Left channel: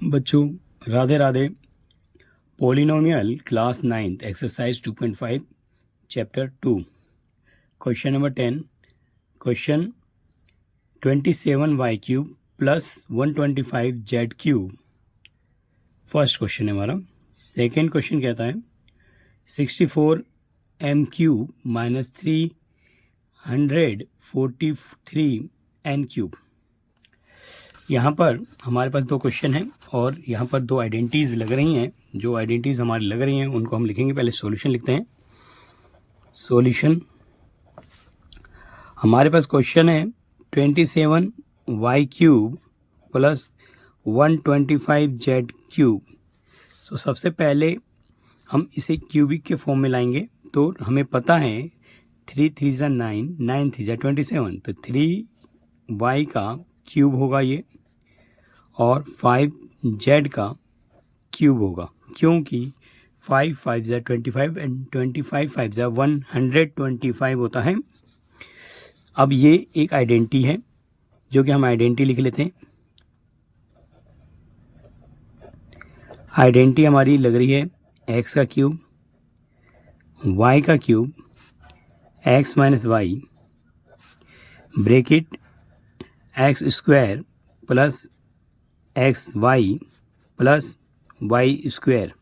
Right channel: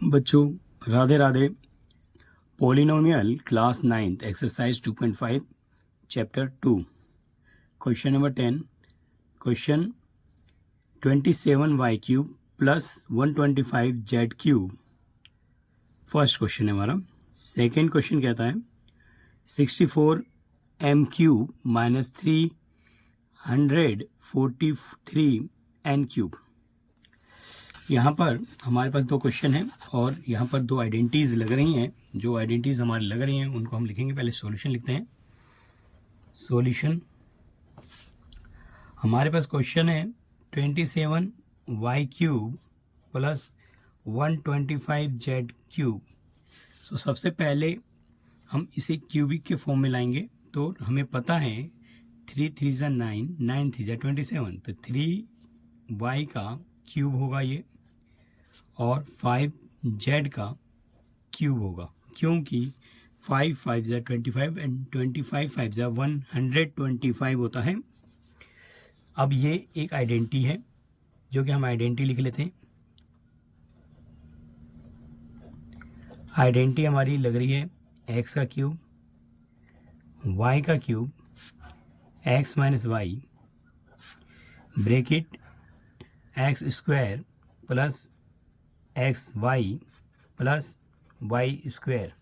बच्चों Radhe Radhe. Polynomial class 9th exercise 2.5 chapter 2 question number 10 question 27y cube plus 125z cube first question है हमारा। Second question कहता है 64m cube minus 343n cube. यहाँ पर हमारे पास दो क्वेश्चन हैं और यहाँ पर दो आइडेंटिटीज़ लग रही हैं। जो आइडेंटिटीज़ हमारी लग रही हैं उनको हम लिखेंगे। पहले सॉल्यूशन लिखते हैं। सॉल्यूशन हमारे पास क्वेश्चन है 27y cube plus 125z cube. तो सबसे पहले हम इसे क्यूबिक के फॉर्म में लाएंगे। तो हमें पता है 3 3 ज़ा 9, 9 3 ज़ा 27, तो 3y का क्यूब होगा ये और 5z का क्यूब होगा, क्योंकि 5 5 ज़ा 25 एंड 25 5 ज़ा 125 होता है। अब ये एक आइडेंटिटी है जो कि हम आइडेंटिटी लिख लेते हैं। आइडेंटिटी हमारी लग रही है x का क्यूब y का cube x minus Y bracket x square plus X Y plus Y square.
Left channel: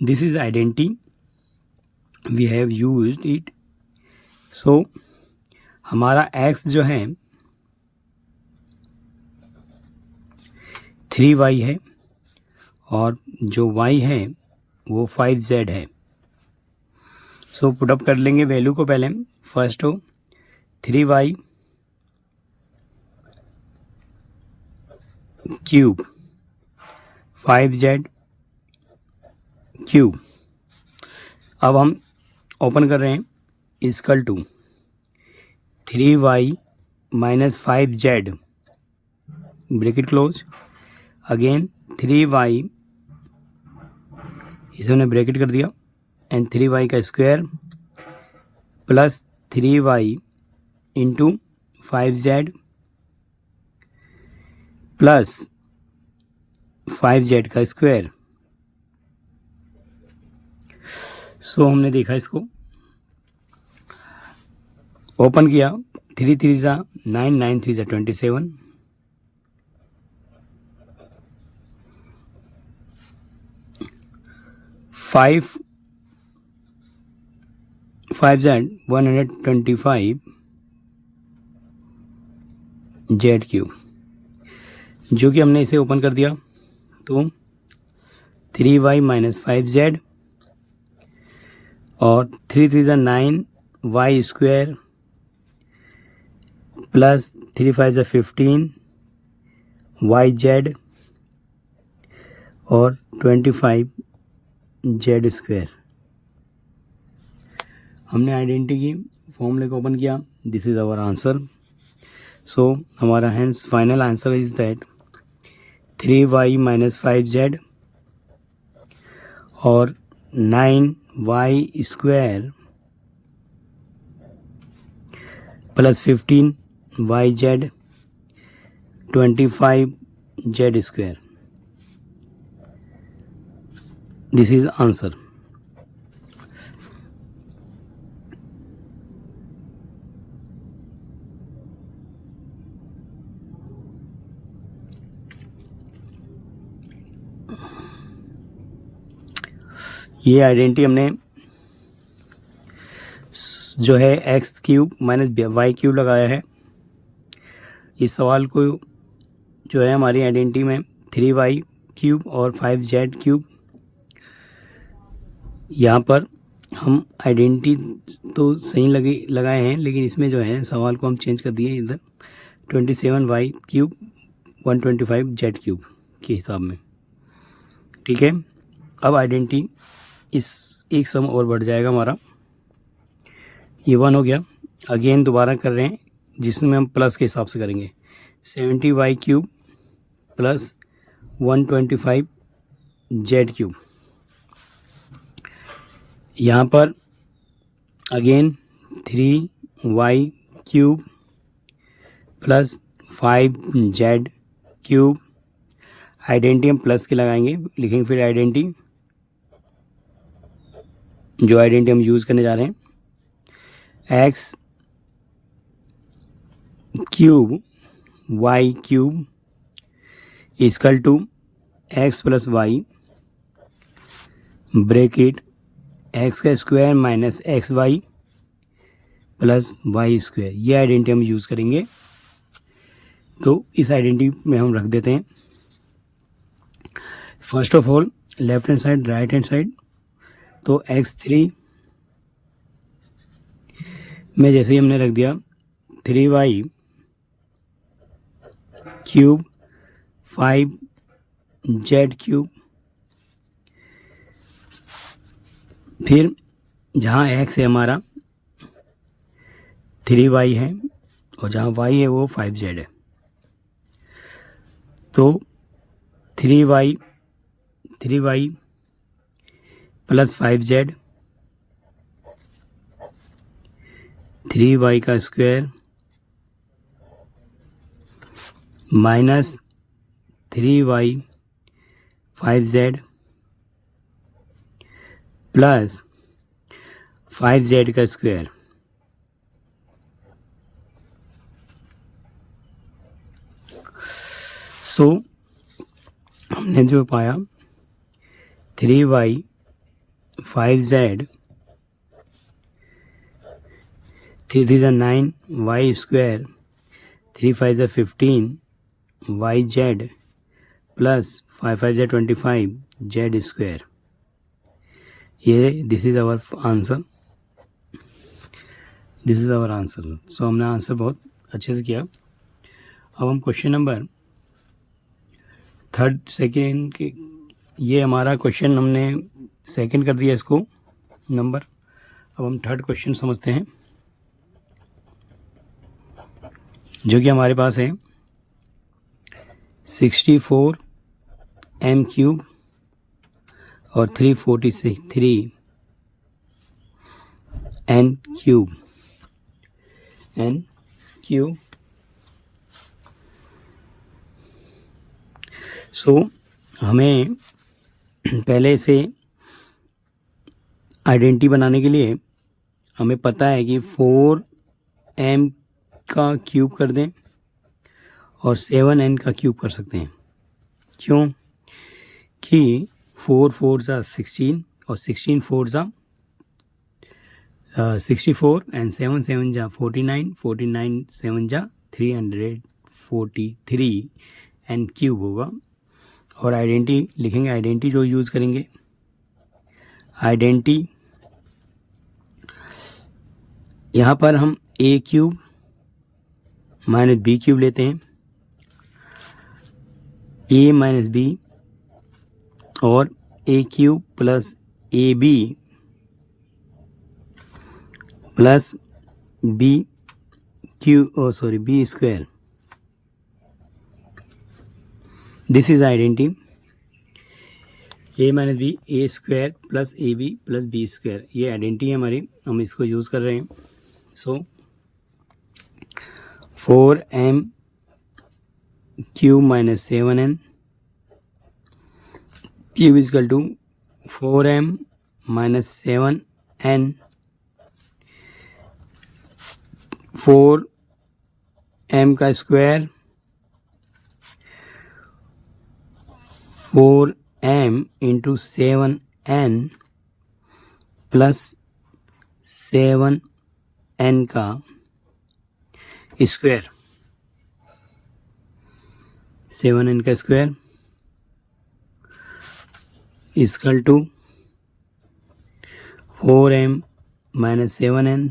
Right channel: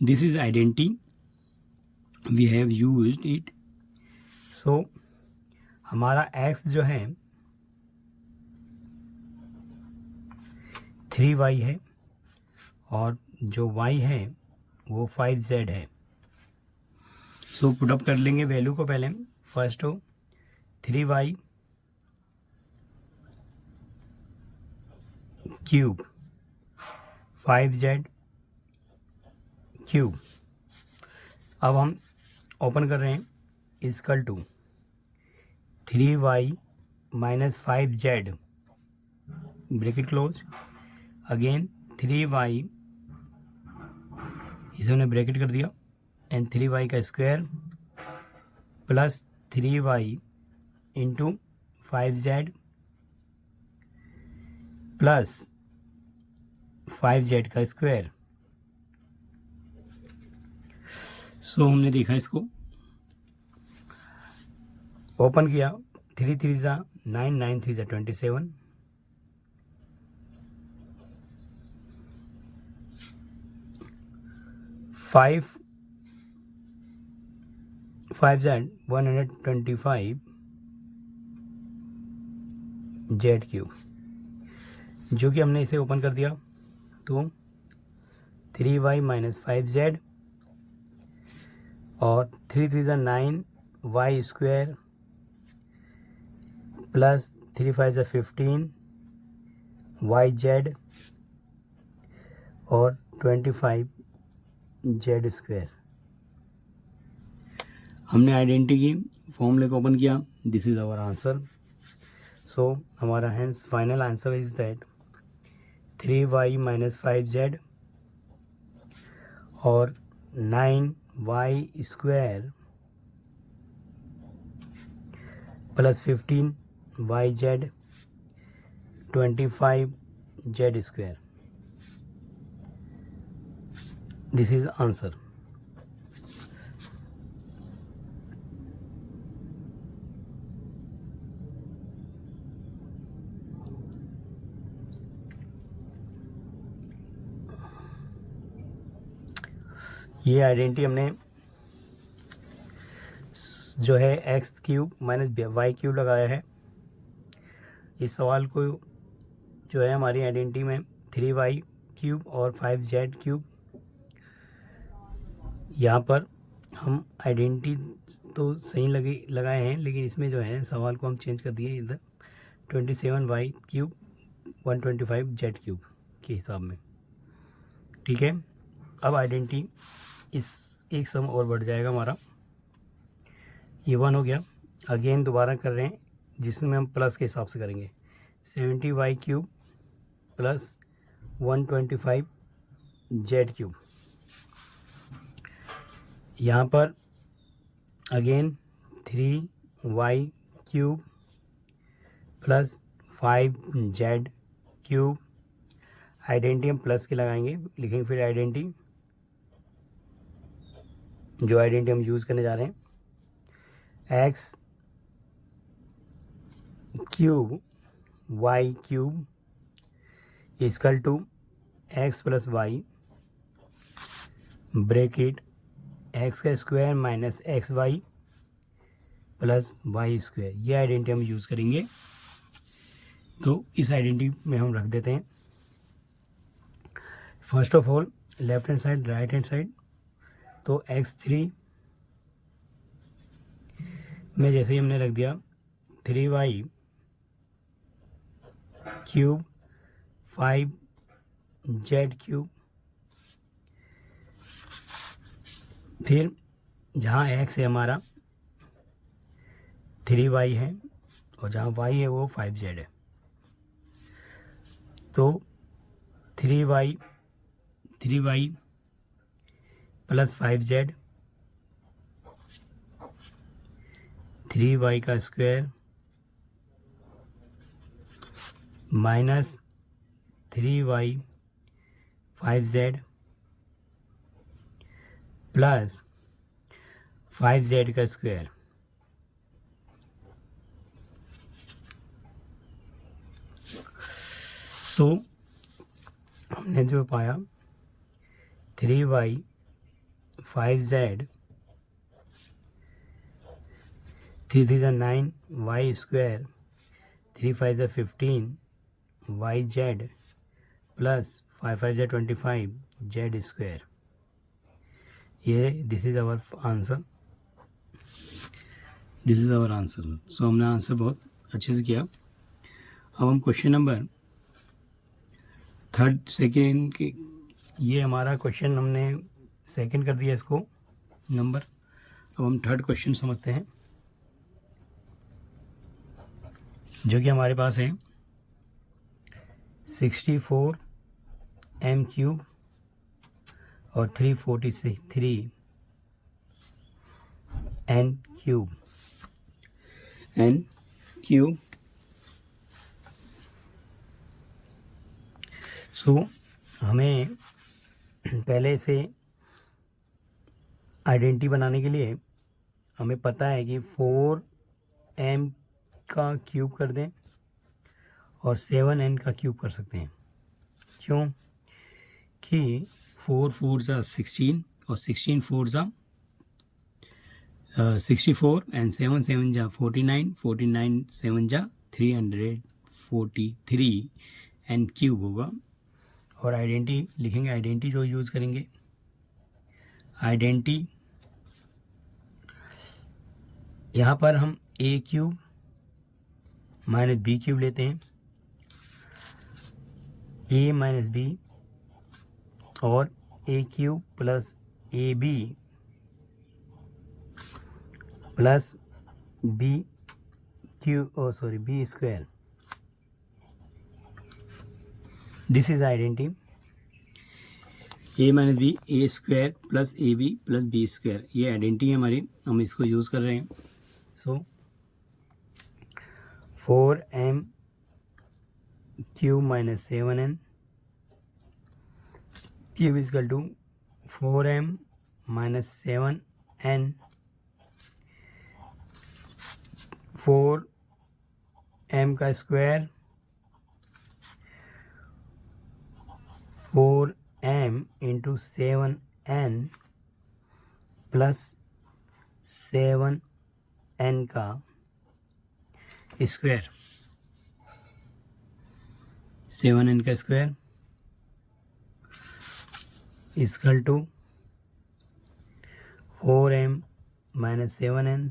This is identity we have used it. So हमारा x जो है 3y है और जो y है वो 5z है। सो पुटअप कर लेंगे वैल्यू को। पहले फर्स्ट हो 3y क्यूब 5z क्यूब। अब हम ओपन कर रहे हैं equal to 3y minus 5z bracket close, again 3y, इसे हमने ब्रैकेट कर दिया, एंड 3y का square plus 3y into 5z plus 5z का स्क्वायर। सो हमने देखा, इसको ओपन किया, 3 3 ज़ा 9, 9 3 ज़ा 27, 5 5z 125 z क्यूब, जो कि हमने इसे ओपन कर दिया। तो 3y माइनस 5z और 3 3 ज़ा 9 y स्क्वायर प्लस 3 5 ज़ा 15 yz और 25 z स्क्वायर। हमने आइडेंटिटी की फॉर्मूले को ओपन किया। This is our answer. So हमारा hence final answer is that 3y minus 5z और 9y square plus 15yz 25z square. This is answer. ये आइडेंटिटी हमने जो है x cube minus Y cube लगाया है। इस सवाल को जो है हमारी आइडेंटिटी में 3y क्यूब और 5z क्यूब, यहाँ पर हम आइडेंटिटी तो सही लगाए हैं, लेकिन इसमें जो है सवाल को हम चेंज कर दिए इधर 27y क्यूब 125z क्यूब के हिसाब में। ठीक है, अब आइडेंटिटी इस एक सम और बढ़ जाएगा हमारा। ये 1 हो गया। अगेन दोबारा कर रहे हैं जिसमें हम प्लस के हिसाब से करेंगे। 70y cube plus 125z cube. यहाँ पर again 3y cube plus 5z cube identity हम प्लस के लगाएंगे, लिखेंगे फिर आइडेंटिटी, जो आइडेंटिटी हम यूज़ करने जा रहे हैं, X cube Y cube equal to X plus Y bracket X का square minus x Y plus Y square. ये आइडेंटिटी हम यूज़ करेंगे, तो इस आइडेंटिटी में हम रख देते हैं first of all left hand side right hand side. तो x3 में जैसे ही हमने रख दिया 3y क्यूब 5z क्यूब, फिर जहाँ x है हमारा 3y है और जहाँ y है वो 5z है, तो 3y प्लस 5z 3y का square minus 3y 5z plus 5z का स्क्वायर। सो हमने जो पाया 3y 5z 3 3 9 y square 3 5 15 yz plus 5 5 25 z square. ये this is our answer, this is our answer. So हमने आंसर बहुत अच्छे से किया। अब हम क्वेश्चन नंबर थर्ड सेकेंड के, ये हमारा क्वेश्चन हमने सेकंड कर दिया इसको नंबर। अब हम थर्ड क्वेश्चन समझते हैं, जो कि हमारे पास है 64 m क्यूब और 343 n क्यूब सो हमें पहले से आइडेंटिटी बनाने के लिए हमें पता है कि 4m का क्यूब कर दें और 7n का क्यूब कर सकते हैं। क्यों? कि 4 4 जा 16 और 16 4 जा 64 एंड 7 7 जा 49 49 7 जा 343 एन क्यूब होगा। और आइडेंटिटी लिखेंगे, आइडेंटिटी जो यूज़ करेंगे, आइडेंटिटी यहाँ पर हम a cube minus B cube लेते हैं, a माइनस बी और a cube plus A B plus B q B square. This is identity a minus B A square plus A B plus B square. ये identity है हमारी, हम इसको use कर रहे हैं। So 4m cube minus 7n cube is equal to 4m minus 7n 4m का square 4m into 7n plus 7n का स्क्वायर, 7n का square equal to 4m minus 7n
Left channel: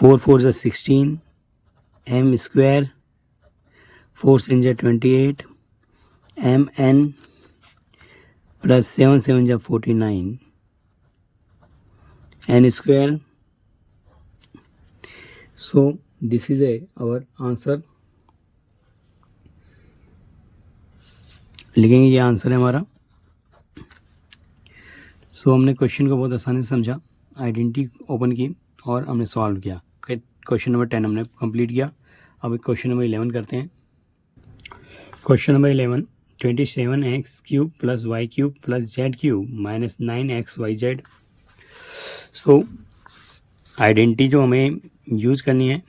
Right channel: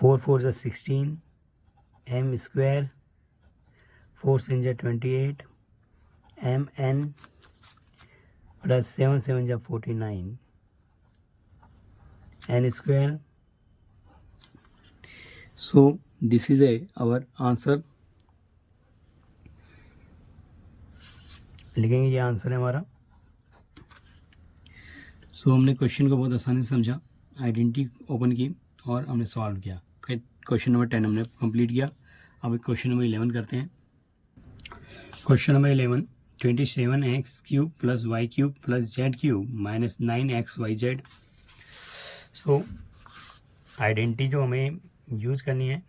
4 4 जा 16 m स्क्वायर 4 7 जा 28 mn प्लस 7 7 जा 49 n square. So this is our answer। लिखेंगे ये answer है हमारा। सो हमने क्वेश्चन को बहुत आसानी से समझा, आइडेंटिटी ओपन की और हमने सॉल्व किया। क्वेश्चन नंबर 10 हमने कंप्लीट किया। अब क्वेश्चन नंबर 11 करते हैं। Question number 11 27x cube plus y cube plus z cube minus 9xyz। So identity जो हमें यूज करनी है,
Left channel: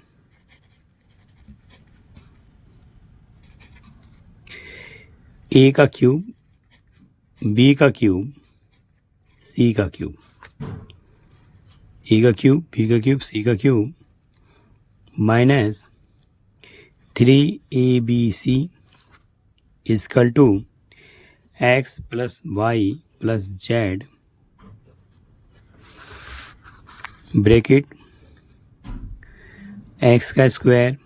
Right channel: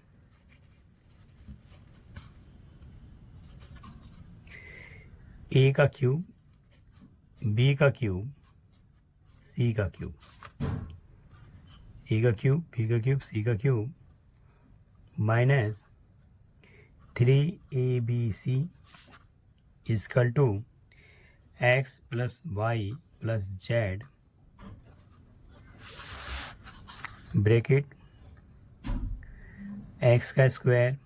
ए का क्यूब, बी का क्यूब, सी का क्यूब, ए का क्यूब, बी का क्यूब, सी का cube minus 3abc is equal to x plus Y plus z bracket x का स्क्वायर,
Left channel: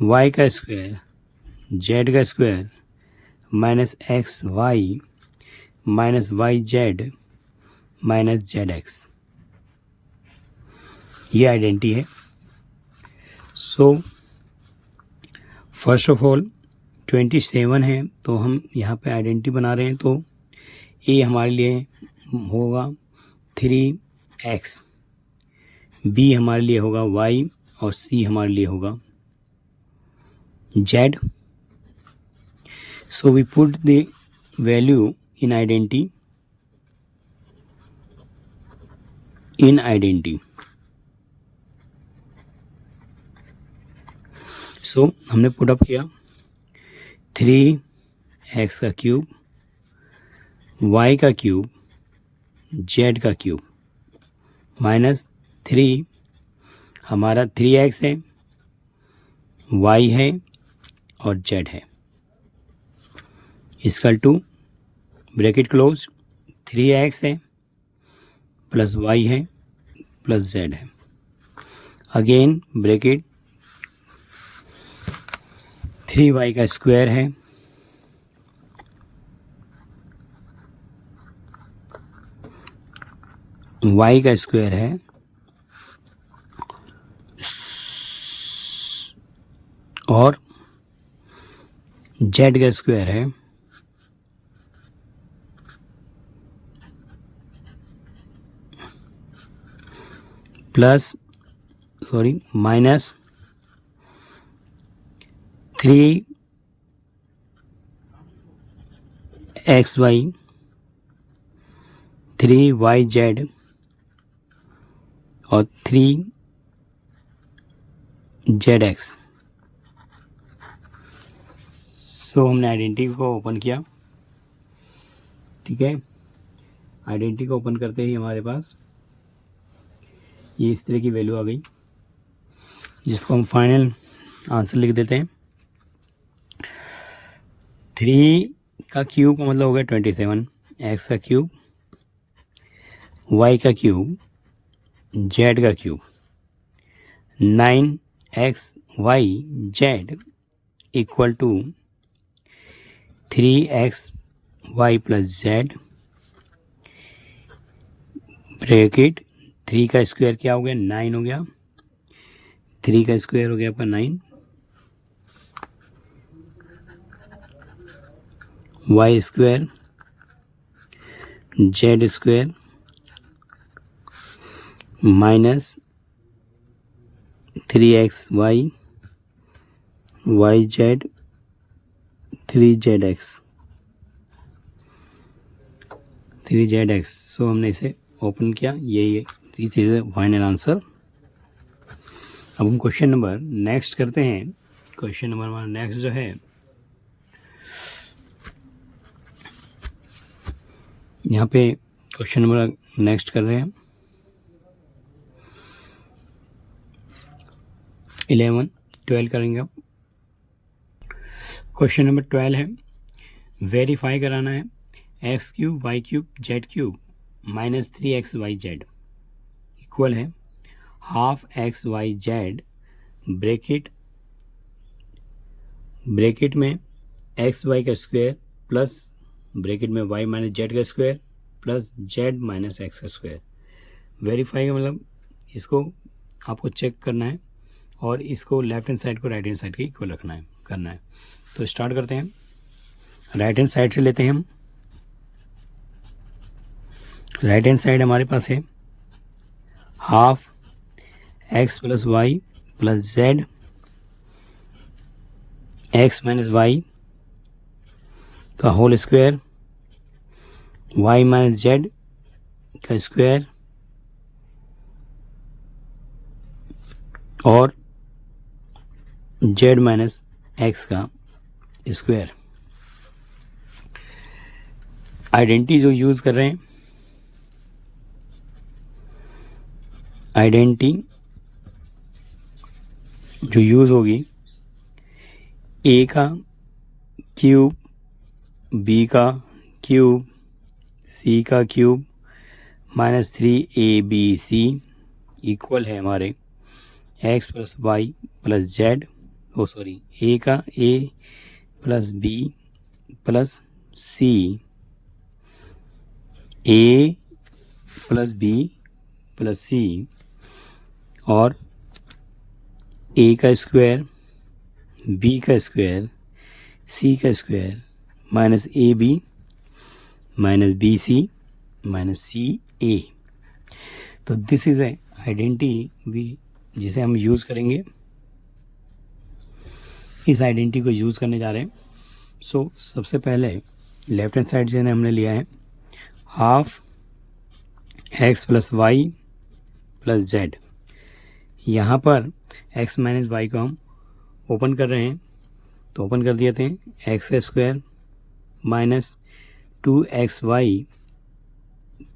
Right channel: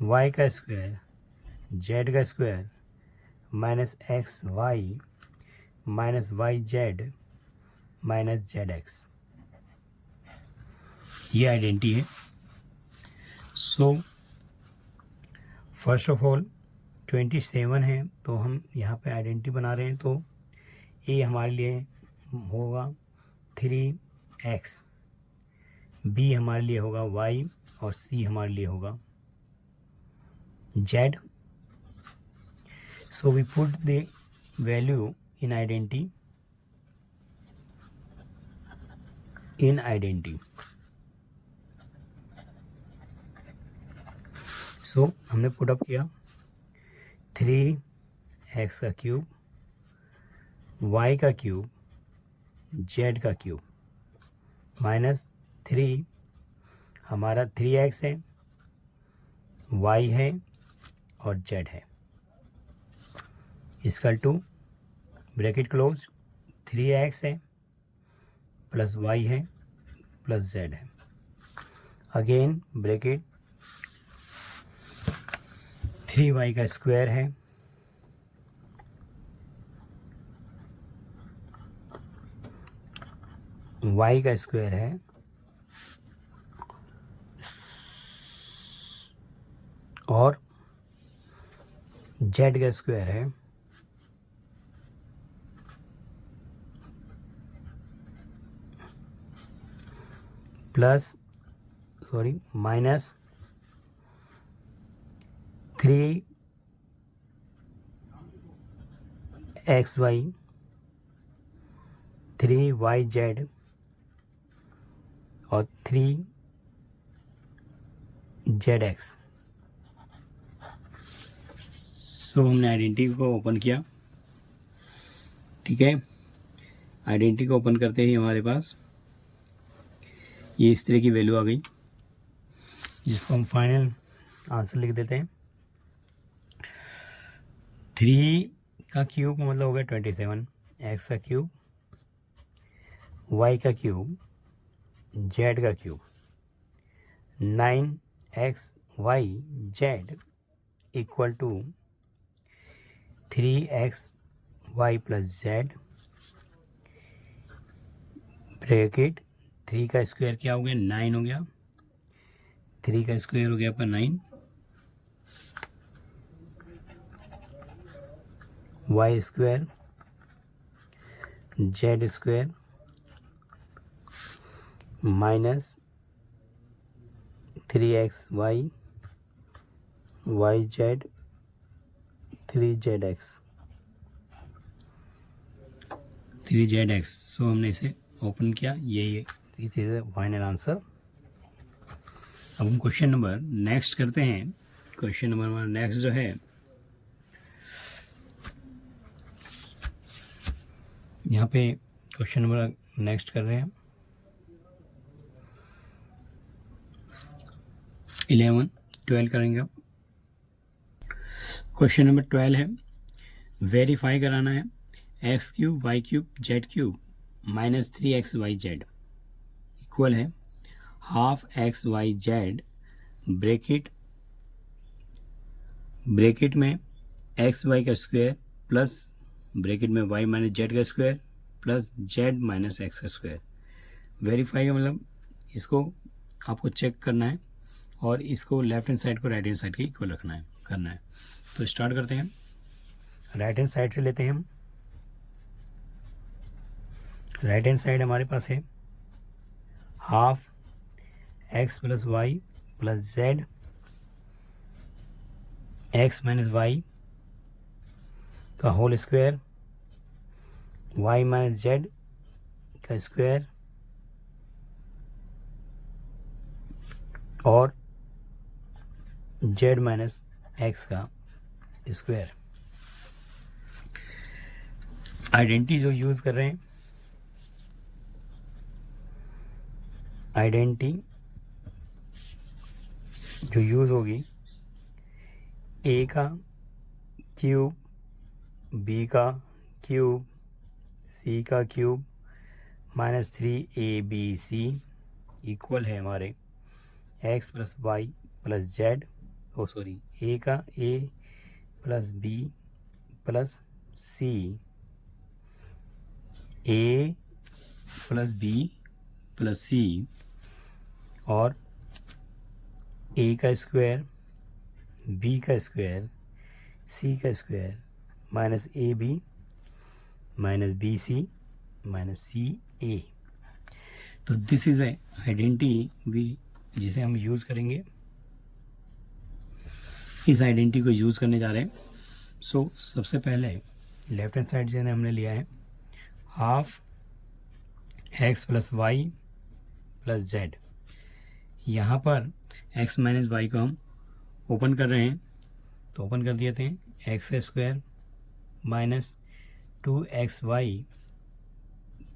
y का स्क्वायर, z का square minus x y minus y z minus z x. ये identity है। So first of all 27 है तो हम यहाँ पे आइडेंटिटी बना रहे हैं, तो ए हमारे लिए होगा 3x, बी हमारे लिए होगा y और सी हमारे लिए होगा z। So we put the value in identity. So हमने पुट अप किया 3x का क्यूब, y का क्यूब, z का क्यूब माइनस 3 हमारा 3x है, y है और z है equal to bracket close 3x है प्लस y है प्लस z है, अगेन ब्रैकेट 3y का स्क्वायर है y का स्क्वायर है और z का स्क्वायर है माइनस 3xy 3yz और 3zx। सो हमने आइडेंटिटी को ओपन किया, ठीक है। आइडेंटिटी को ओपन करते ही हमारे पास ये इस तरह की वैल्यू आ गई, जिसको हम फाइनल आंसर लिख देते हैं। 3 का क्यूब का मतलब हो गया 27, x का क्यूब, y का क्यूब, z का cube 9xyz equal to 3xy plus z bracket 3 का स्क्वायर क्या हो गया 9 हो गया, 3 का स्क्वायर हो गया आपका 9, y square z square minus 3xy yz 3zx। सो हमने इसे ओपन किया, ये चीज़ है फाइनल आंसर। अब हम क्वेश्चन नंबर नेक्स्ट करते हैं। क्वेश्चन नंबर हमारा नेक्स्ट जो है यहाँ पे क्वेश्चन नंबर नेक्स्ट कर रहे हैं 12 करेंगे। अब क्वेश्चन नंबर 12 है, वेरीफाई कराना है x cube Y cube z cube minus 3xyz equal है हाफ xyz ब्रैकेट में xy का स्क्वायर प्लस ब्रैकेट में y माइनस जेड का square plus z minus x का स्क्वायर। वेरीफाई का मतलब इसको आपको चेक करना है और इसको लेफ्ट हैंड साइड को राइट हैंड साइड के इक्वल करना है। तो स्टार्ट करते हैं, राइट हैंड साइड से लेते हैं हम। राइट हैंड साइड हमारे पास है half x plus Y plus Z X minus Y का whole square, Y minus Z का स्क्वायर और जेड माइनस एक्स का स्क्वायर। आइडेंटिटी जो यूज़ कर रहे हैं, आइडेंटिटी जो यूज़ होगी, ए का क्यूब, बी का क्यूब, सी का क्यूब माइनस 3abc इक्वल है हमारे X plus Y plus Z, A का A plus B plus C, A plus B plus सी और ए का स्क्वायर, बी का स्क्वायर, सी का square minus A B minus B C minus C A. तो this is A identity भी जिसे हम use करेंगे, इस आइडेंटिटी को यूज़ करने जा रहे हैं। सो सबसे पहले लेफ्ट हैंड साइड जो है हमने लिया है half x plus Y plus z. यहाँ पर एक्स माइनस वाई को हम ओपन कर रहे हैं, तो ओपन कर दिए थे x square minus 2xy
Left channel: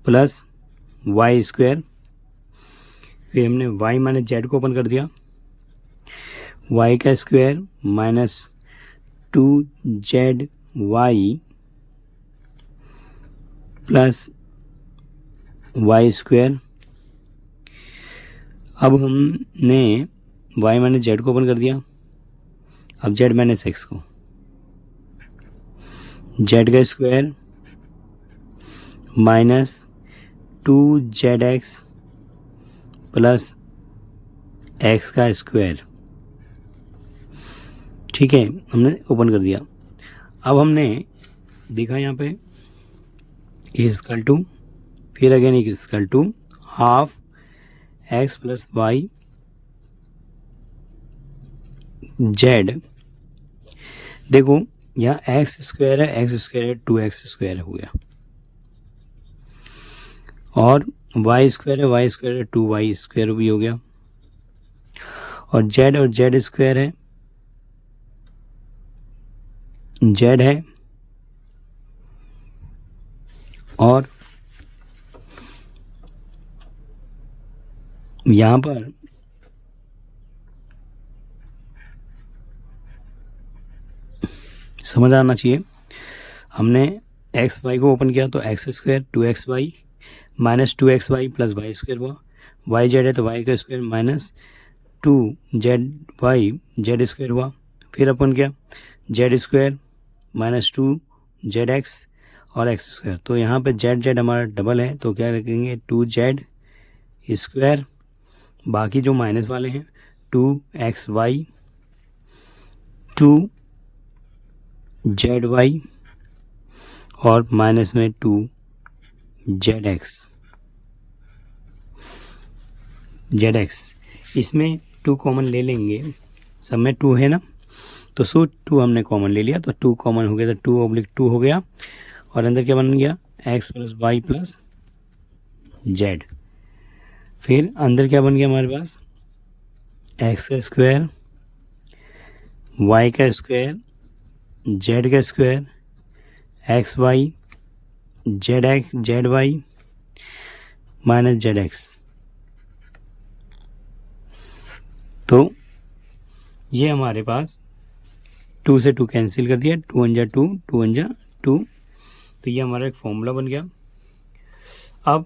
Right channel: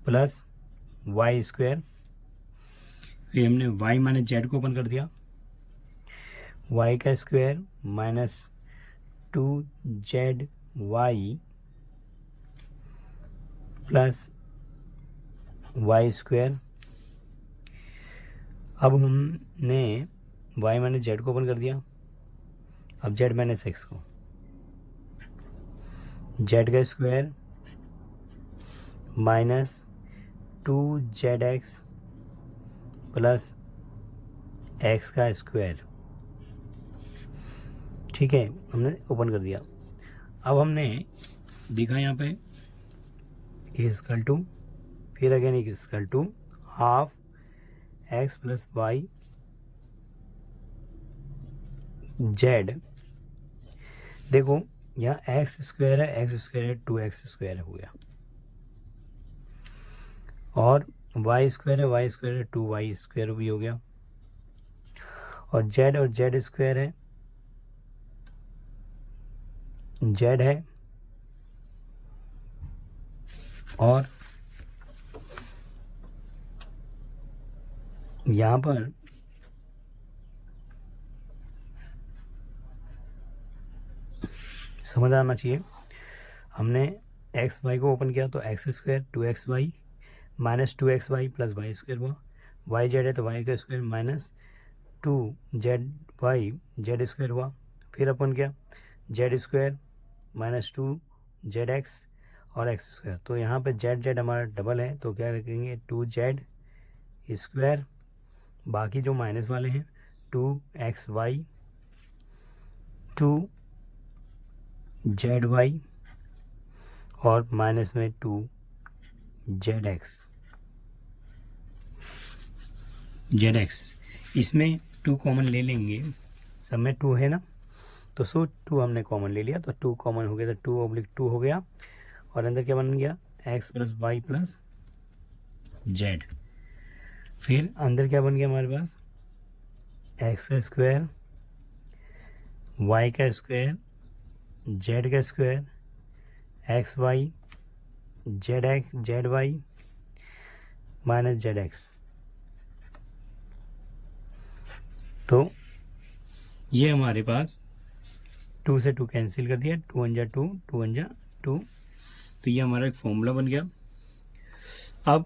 plus Y square. फिर हमने y माइनस जेड को ओपन कर दिया, y का square minus 2zy plus Y square. अब हमने y माइनस जेड को ओपन कर दिया, अब z माइनस एक्स को, z का square minus 2zx plus x का स्क्वायर। ठीक है, हमने ओपन कर दिया। अब हमने देखा यहाँ पे इक्वल टू, फिर again equal to half x plus y z. देखो यहाँ एक्स स्क्वायर है, एक्स स्क्वायर है, 2x स्क्वायर हो गया और वाई स्क्वायर है, वाई स्क्वायर है, 2y स्क्वायर भी हो गया और जेड स्क्वायर है, जेड है और यहाँ पर समझ आना चाहिए, हमने एक्स वाई को ओपन किया तो x square 2xy minus 2xy plus Y square हुआ, वाई जेड है तो वाई का square minus 2zy Z square हुआ। फिर अपन क्या जेड स्क्वायर माइनस 2zx और एक्स स्क्वायर। तो यहाँ पे जेड हमारा डबल है तो क्या रखेंगे 2z स्क्वायर, बाकी जो माइनस वाले हैं 2xy 2zy और माइनस में 2zx। इसमें 2 कॉमन ले लेंगे, सब में 2 है ना, तो 2 हमने कॉमन ले लिया तो 2 कॉमन हो गया, तो 2/2 हो गया और अंदर क्या बन गया x plus Y plus z. फिर अंदर क्या बन गया हमारे पास एक्स का स्क्वायर, वाई का स्क्वायर, जेड का square, x y z y minus z x. तो ये हमारे पास 2 से 2 कैंसिल कर दिया, 2 × 2 2 × 2, तो ये हमारा एक फॉर्मूला बन गया। अब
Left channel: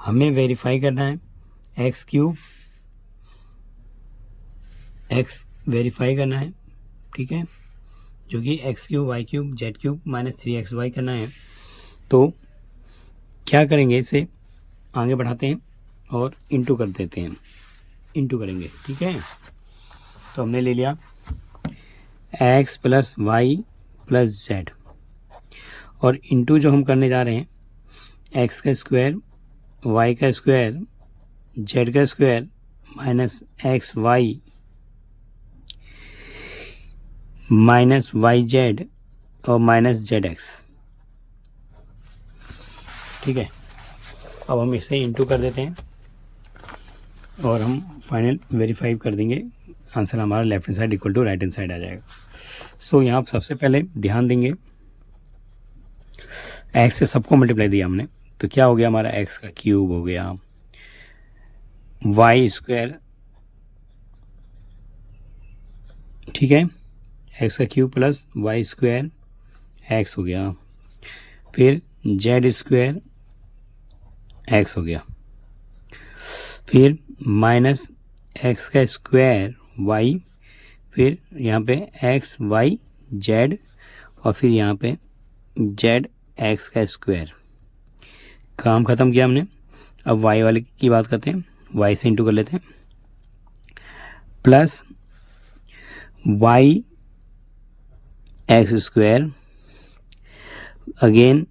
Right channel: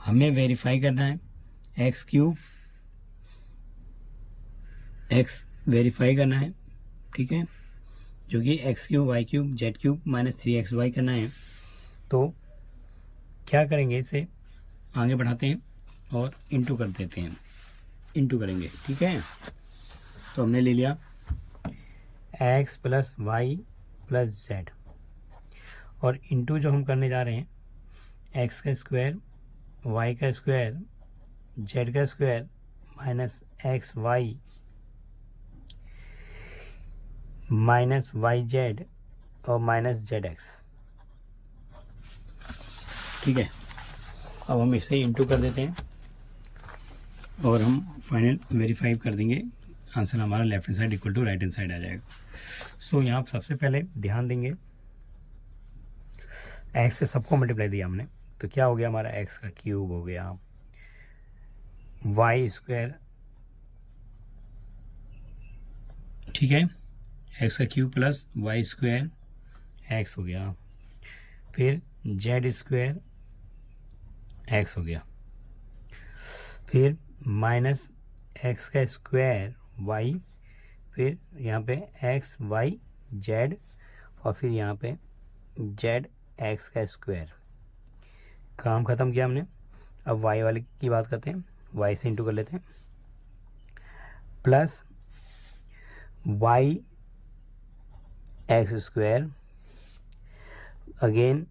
हमें वेरीफाई करना है एक्स क्यूब, एक्स वेरीफाई करना है, ठीक है, जो कि x cube Y cube z cube minus 3xy करना है। तो क्या करेंगे, इसे आगे बढ़ाते हैं और इंटू कर देते हैं, इंटू करेंगे, ठीक है। तो हमने ले लिया x plus Y plus z और इंटू जो हम करने जा रहे हैं एक्स का स्क्वायर, वाई का स्क्वायर, जेड का square minus x y minus y z और माइनस जेड एक्स। ठीक है, अब हम इसे इंटू कर देते हैं और हम फाइनल वेरीफाई कर देंगे, आंसर हमारा left hand side equal to right hand side आ जाएगा। सो यहाँ आप सबसे पहले ध्यान देंगे, एक्स से सबको मल्टीप्लाई दिया हमने, तो क्या हो गया हमारा एक्स का क्यूब हो गया, वाई स्क्वायर, ठीक है, एक्स का cube plus Y square x हो गया, फिर जेड स्क्वायर एक्स हो गया, फिर माइनस एक्स का स्क्वायर वाई, फिर यहाँ पे एक्स वाई जेड, और फिर यहाँ पे जेड एक्स का स्क्वायर। काम ख़त्म किया हमने। अब वाई वाले की बात करते हैं, वाई से इंटू कर लेते हैं, plus y x square, again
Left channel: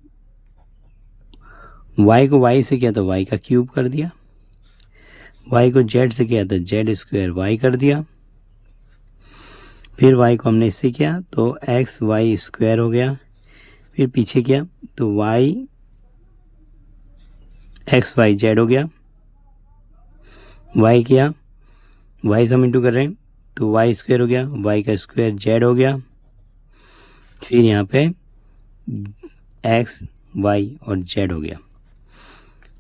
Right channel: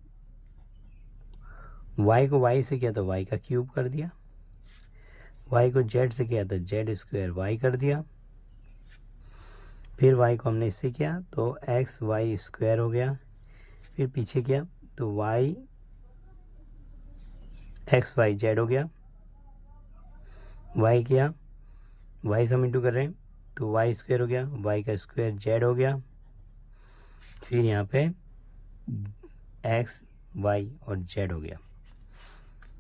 y को वाई से किया तो वाई का क्यूब कर दिया, वाई को जेड से किया तो जेड स्क्वायर वाई कर दिया, फिर वाई को हमने इससे किया तो एक्स वाई स्क्वायर हो गया, फिर पीछे किया तो वाई एक्स वाई जेड हो गया, वाई किया, वाई से हम इंटू कर रहे हैं तो वाई स्क्वायर हो गया, वाई का स्क्वायर जेड हो गया, फिर यहाँ पे एक्स वाई और जेड हो गया।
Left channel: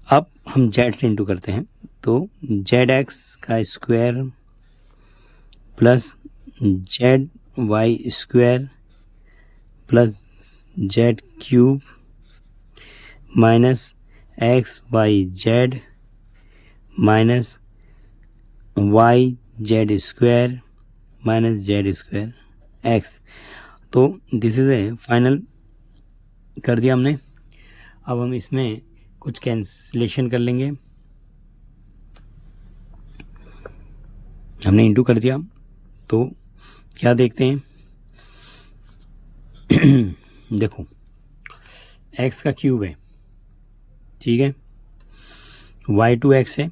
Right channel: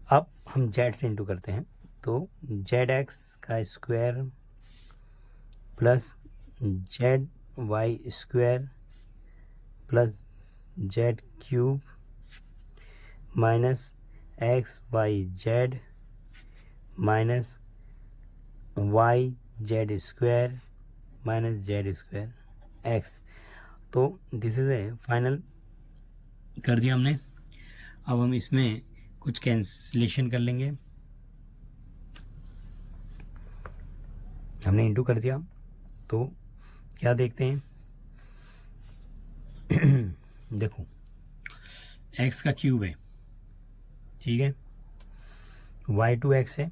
अब हम जेड से इंटू करते हैं तो जेड एक्स का square plus z y square plus z cube minus x y z minus y z square minus z square x. तो दिस इज ए फाइनल कर दिया हमने। अब हम इसमें कुछ कैंसिलेशन कर लेंगे, हमने इंटू कर दिया तो क्या देखते हैं देखो x का क्यूब है, ठीक है, y2x है,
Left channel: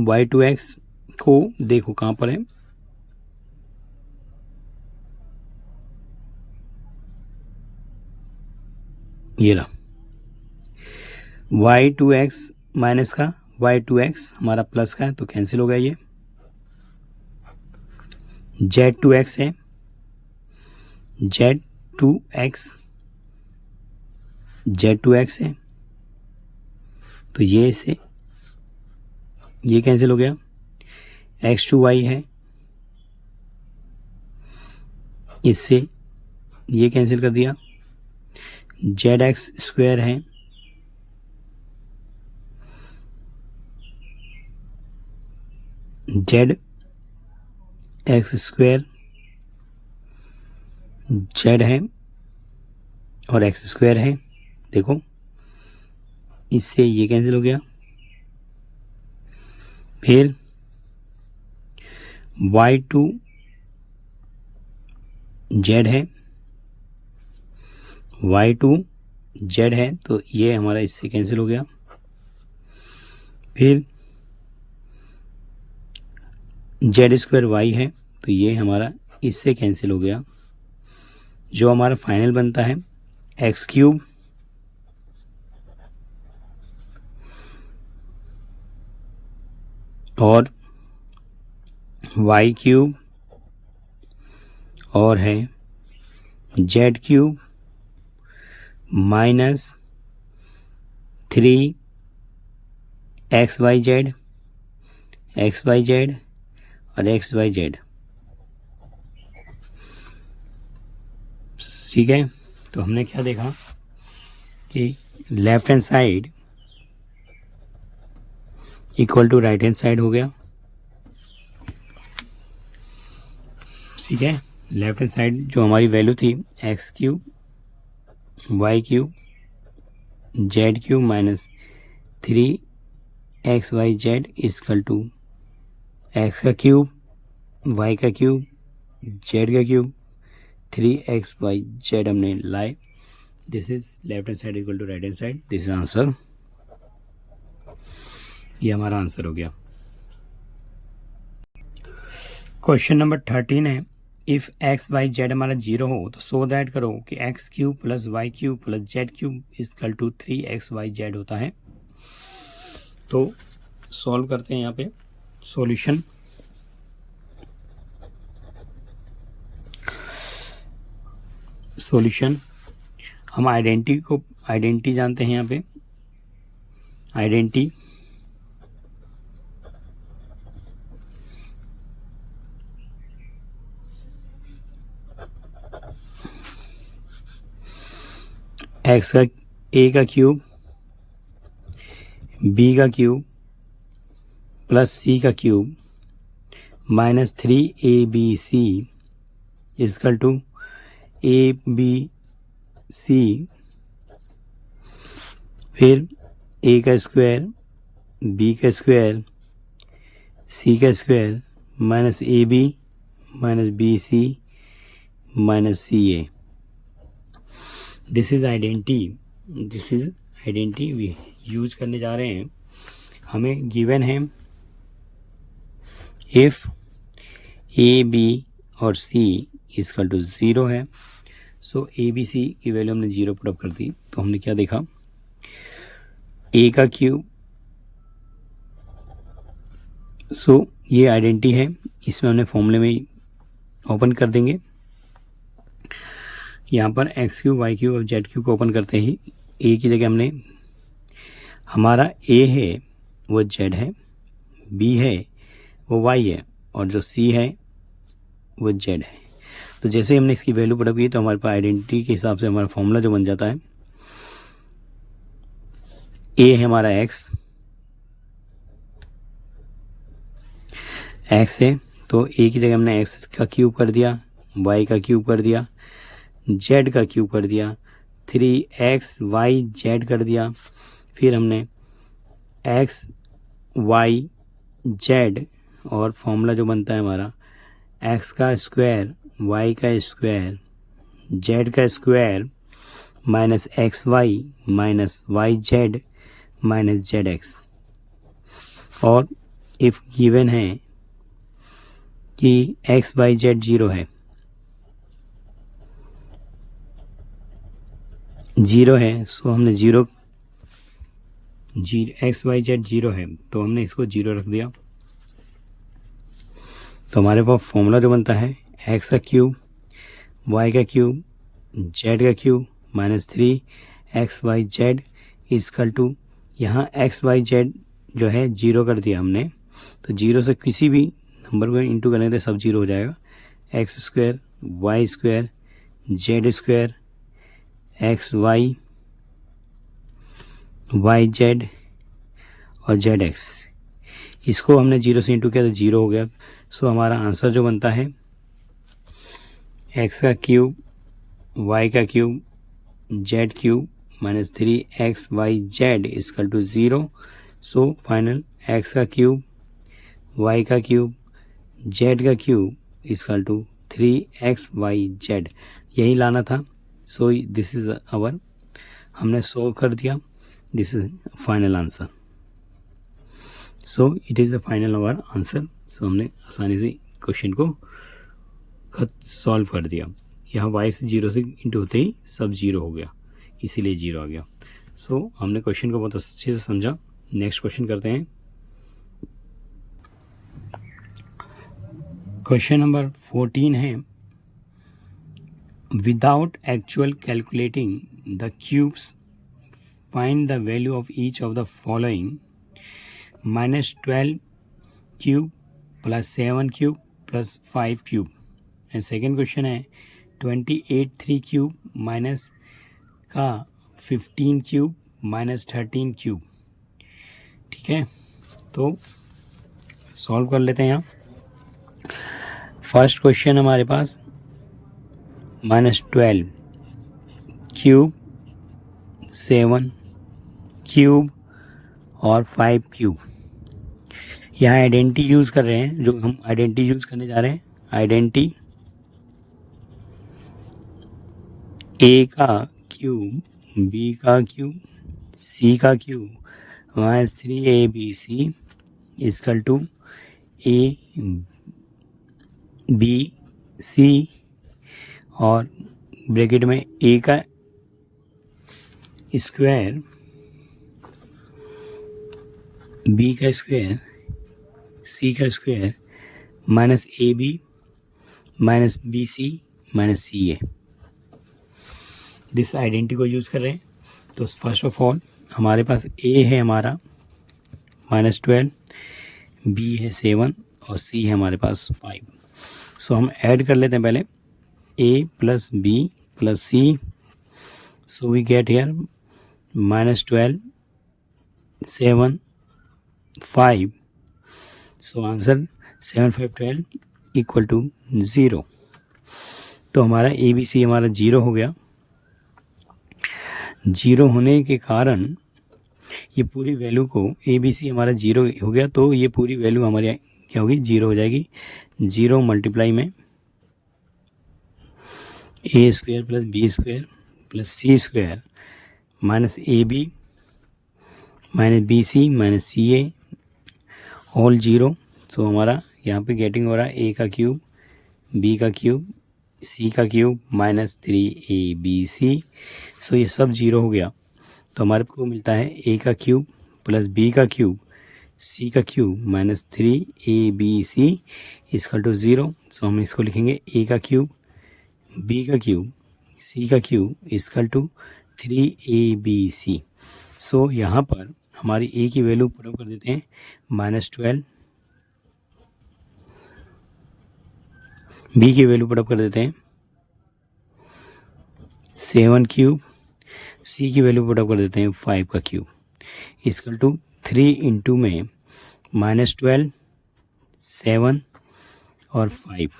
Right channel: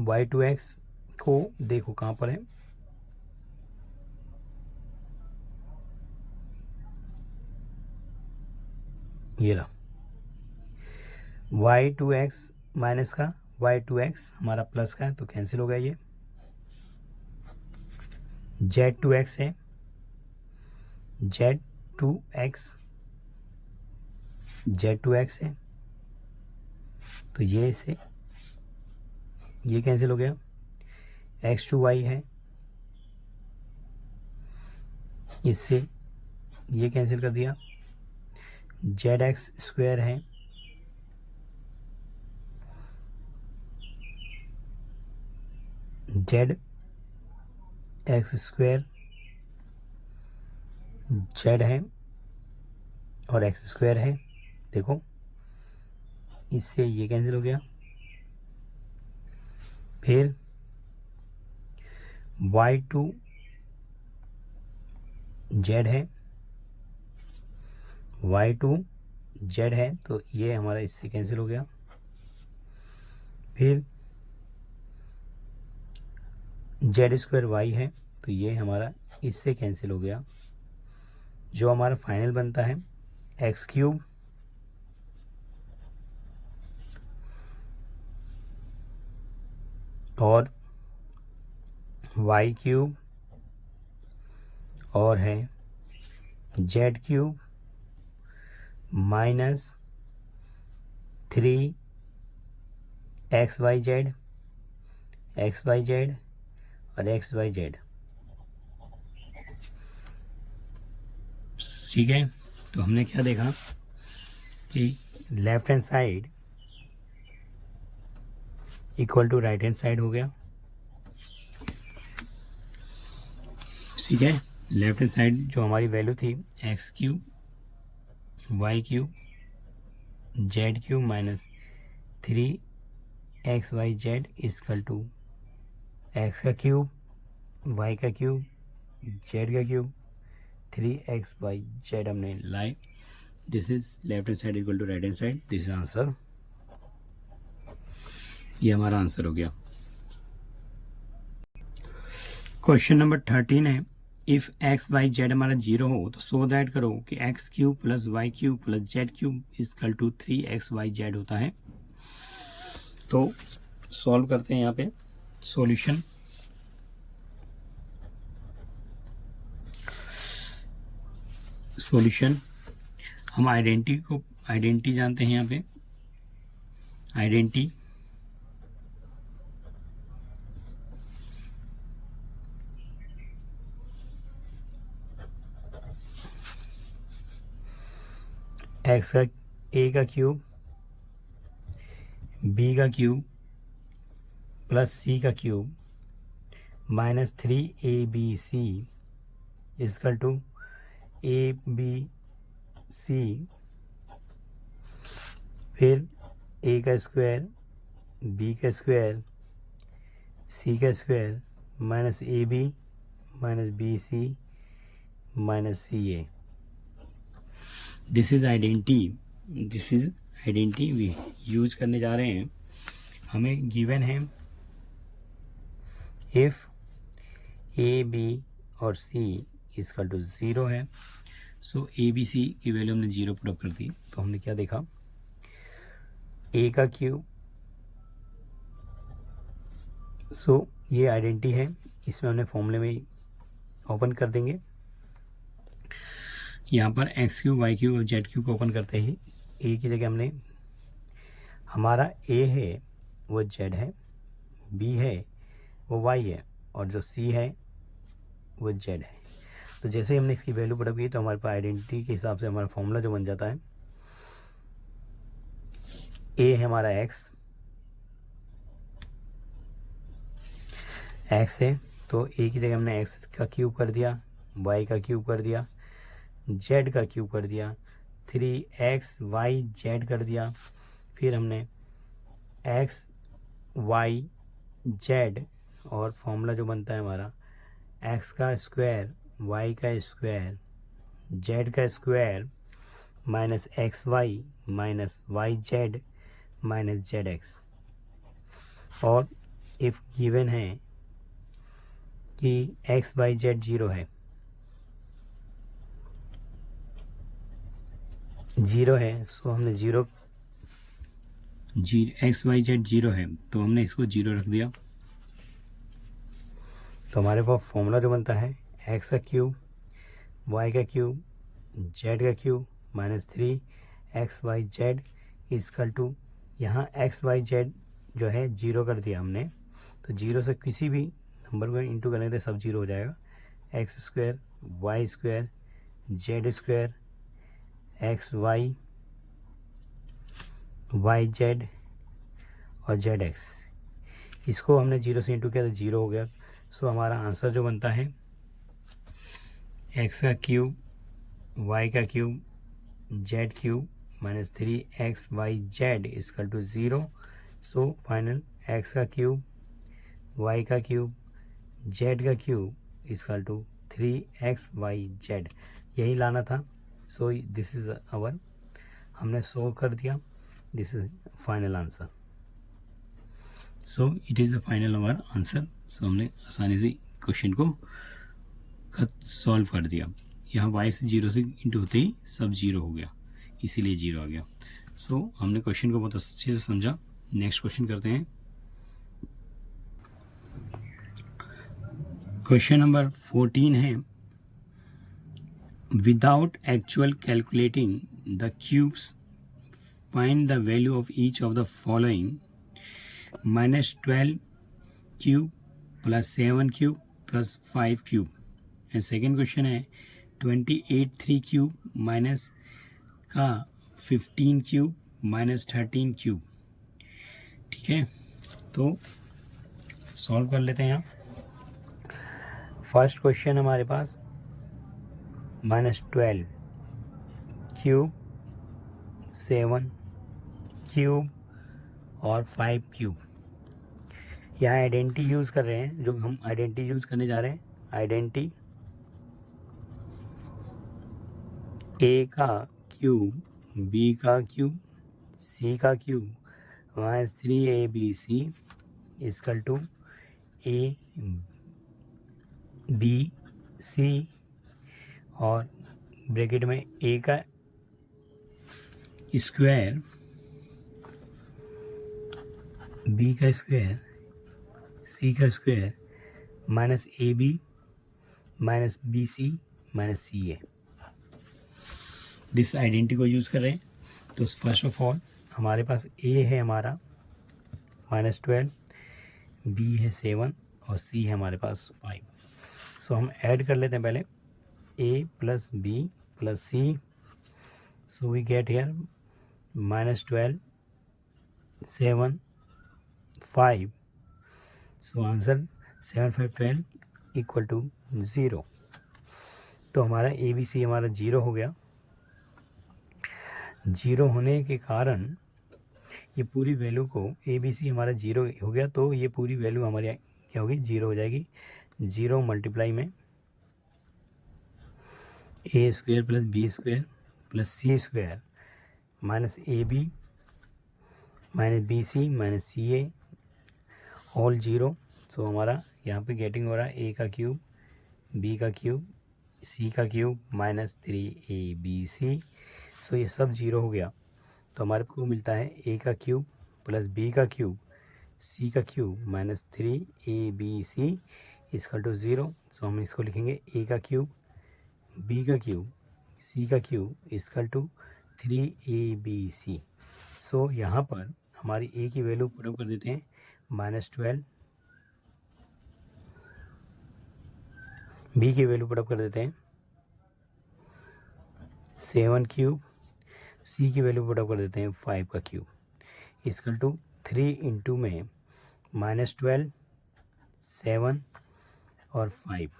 y2x को देखो कहाँ पर है, ये रहा y2x माइनस का y2x हमारा प्लस का है तो कैंसिल हो गया, ये z2x है, z2x है तो ये से ये कैंसिल हो गया, x2y है, इससे ये कैंसिल कर दिया, zx स्क्वायर है, जेड एक्स स्क्वायर जेड है और एक्स स्क्वायर है, देखो इससे ये कैंसिल हो गया, फिर y2 जेड है, y2 जेड है तो ये हमारा इससे कैंसिल हो गया, फिर जेड स्क्वायर वाई है तो ये हमारा इससे कैंसिल हो गया, जो हमारा फाइनल बनता है एक्स क्यूब और वाई क्यूब और है z cube minus 3 x y z और एक्स वाई जेड। ठीक है, तो हमने क्या देखा कि left hand side equal to right hand side हो गया। ठीक है, लेफ्ट हैंड साइड जो हमारी वैल्यू थी x cube Y cube z cube minus 3 x y z equal to x का क्यूब वाई का क्यूब जेड का क्यूब 3x y z हमने लाए। This is left hand side equal to right hand side, this is answer, ये हमारा answer हो गया। Question number 13 है, इफ़ एक्स वाई जेड हमारा जीरो हो तो सो दैट करो कि x cube plus y cube plus z cube equal to 3xyz होता है। तो सॉल्व करते हैं यहाँ पे सॉल्यूशन। हम आइडेंटिटी जानते हैं यहाँ पे। आइडेंटिटी एक्स का ए का क्यूब बी का क्यूब प्लस सी का cube minus 3abc is equal to ABC, फिर ए का स्क्वायर बी का स्क्वायर सी का square minus AB minus BC minus CA। This is identity we use करने जा रहे हैं। हमें गिवन है इफ AB और C इजकल टू 0 है। सो ABC की वैल्यू हमने 0 पुट अप कर दी। तो हमने क्या देखा, ए का क्यूब, सो ये आइडेंटिटी है, इसमें हमने फॉर्मूले में ओपन कर देंगे। यहाँ पर एक्स क्यूब वाई क्यूब और जेड क्यूब को ओपन करते ही ए की जगह हमने, हमारा ए है वो जेड है, बी है वो वाई है और जो सी है वो जेड है। तो जैसे हमने इसकी वैल्यू पुट अप की तो हमारे पास आइडेंटिटी के हिसाब से हमारा फॉर्मूला जो बन जाता है, ए है हमारा एक्स है, तो ए की जगह हमने एक्स का क्यूब कर दिया, वाई का क्यूब कर दिया, जेड का क्यूब कर दिया, 3xyz कर दिया। फिर हमने एक्स वाई जेड और फॉर्मूला जो बनता है हमारा एक्स का स्क्वायर वाई का स्क्वायर जेड का square minus x y minus y z minus z x. और इफ गिवन है कि एक्स वाई जेड 0 है, 0 है, सो हमने एक्स वाई जेड 0 है तो हमने इसको 0 रख दिया। तो हमारे पास फॉर्मूला जो बनता है एक्स का क्यूब वाई का क्यूब जेड का cube minus 3xyz equal to, यहाँ xyz जो है 0 कर दिया हमने, तो 0 से किसी भी नंबर को इंटू करेंगे तो सब 0 हो जाएगा। X square y square z square x y y z और जेड एक्स, इसको हमने 0 से इंटू किया तो 0 हो गया। सो हमारा आंसर जो बनता है एक्स का क्यूब वाई का cube z cube minus 3xyz equal to 0। So final x का क्यूब वाई का क्यूब जेड का क्यूब इजकल टू 3xyz, यही लाना था। सो दिस इज आवर, हमने सोल्व कर दिया, this is final answer. So it is the final our answer. So हमने आसानी से क्वेश्चन को सॉल्व कर दिया। यहाँ y से 0 से इंटू होते ही सब 0 हो गया, इसीलिए 0 आ गया। सो हमने क्वेश्चन को बहुत अच्छे से समझा। नेक्स्ट क्वेश्चन करते हैं। क्वेश्चन नंबर 14 है, without actual calculating the cubes find the value of each of the following -12 cube plus 7 cube plus 5 cube. And second question है 28 3 क्यूब माइनस का 15 क्यूब माइनस 13 क्यूब। ठीक है, तो सॉल्व कर लेते हैं। यहाँ फर्स्ट क्वेश्चन हमारे पास -12 क्यूब 7 क्यूब और 5 क्यूब। यहाँ आइडेंटिटी यूज़ कर रहे हैं, जो हम आइडेंटिटी यूज़ करने जा रहे हैं, आइडेंटिटी ए का क्यूब बी का क्यूब सी का cube minus 3abc is equal to a b c और ब्रैकेट में ए का स्क्वायर बी का स्क्वायर सी का square minus A B minus B C minus C a, this identity को यूज़ कर रहे हैं। तो फर्स्ट ऑफ ऑल हमारे पास ए है हमारा -12, बी है 7 और सी है हमारे पास 5। सो हम ऐड कर लेते हैं पहले a plus B plus c, so we get here -12, 7, 5, so answer 7, 5, 12 equal to 0। तो हमारा ए बी सी हमारा 0 हो गया। 0 होने के कारण ये पूरी वैल्यू को ए बी सी हमारा 0 हो गया, तो ये पूरी वैल्यू हमारी क्या होगी 0 हो जाएगी। 0 मल्टीप्लाई में a square plus B square plus c square minus A B minus B C minus C a all 0। So हमारा यहाँ पे गेटिंग हो रहा है ए का क्यूब बी का क्यूब सी का क्यूब माइनस 3 ABC। सो ये सब 0 हो गया, तो हमारे को मिलता है ए का क्यूब प्लस बी का क्यूब सी का cube minus 3ABC equal to 0। So हम इसको लिखेंगे ए का क्यूब बी का क्यूब सी का क्यूब इसकल टू 3ABC। सो यहाँ पर हमारी ए की वैल्यू पुट कर देते हैं -12, बी की वैल्यू पुट कर देते हैं 7 क्यूब, सी की वैल्यू पुट कर देते हैं 5 का क्यूब इसकल टू 3 इंटू में -12, 7 और 5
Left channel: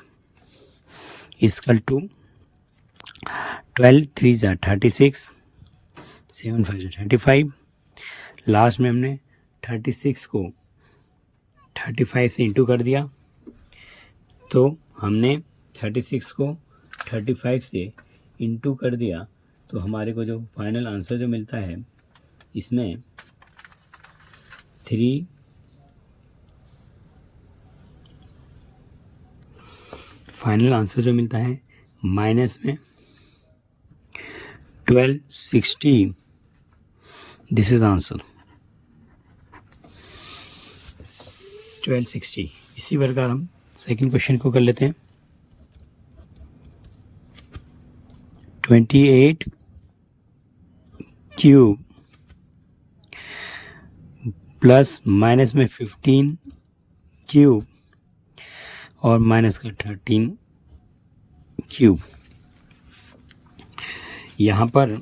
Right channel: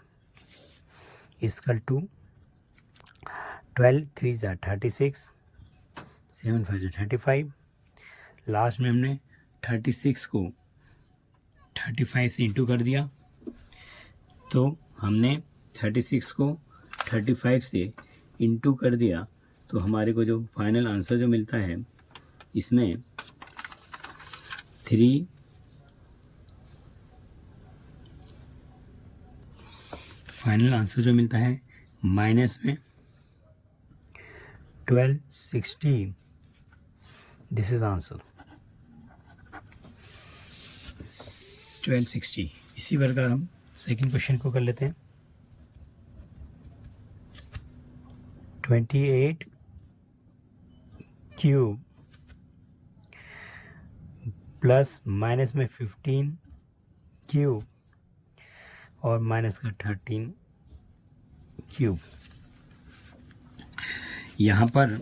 इसकल टू 12 3 ज़ा 36, 7 5 ज़ा 35। लास्ट में हमने 36 को 35 से इंटू कर दिया, तो हमने 36 को 35 से इंटू कर दिया, तो हमारे को जो फाइनल आंसर जो मिलता है इसमें 3 फाइनल आंसर जो मिलता है माइनस में 1260। This is answer 1260। इसी प्रकार हम सेकंड क्वेश्चन को कर लेते हैं। 28 क्यूब प्लस माइनस में 15 क्यूब और माइनस का 13 क्यूब। यहाँ पर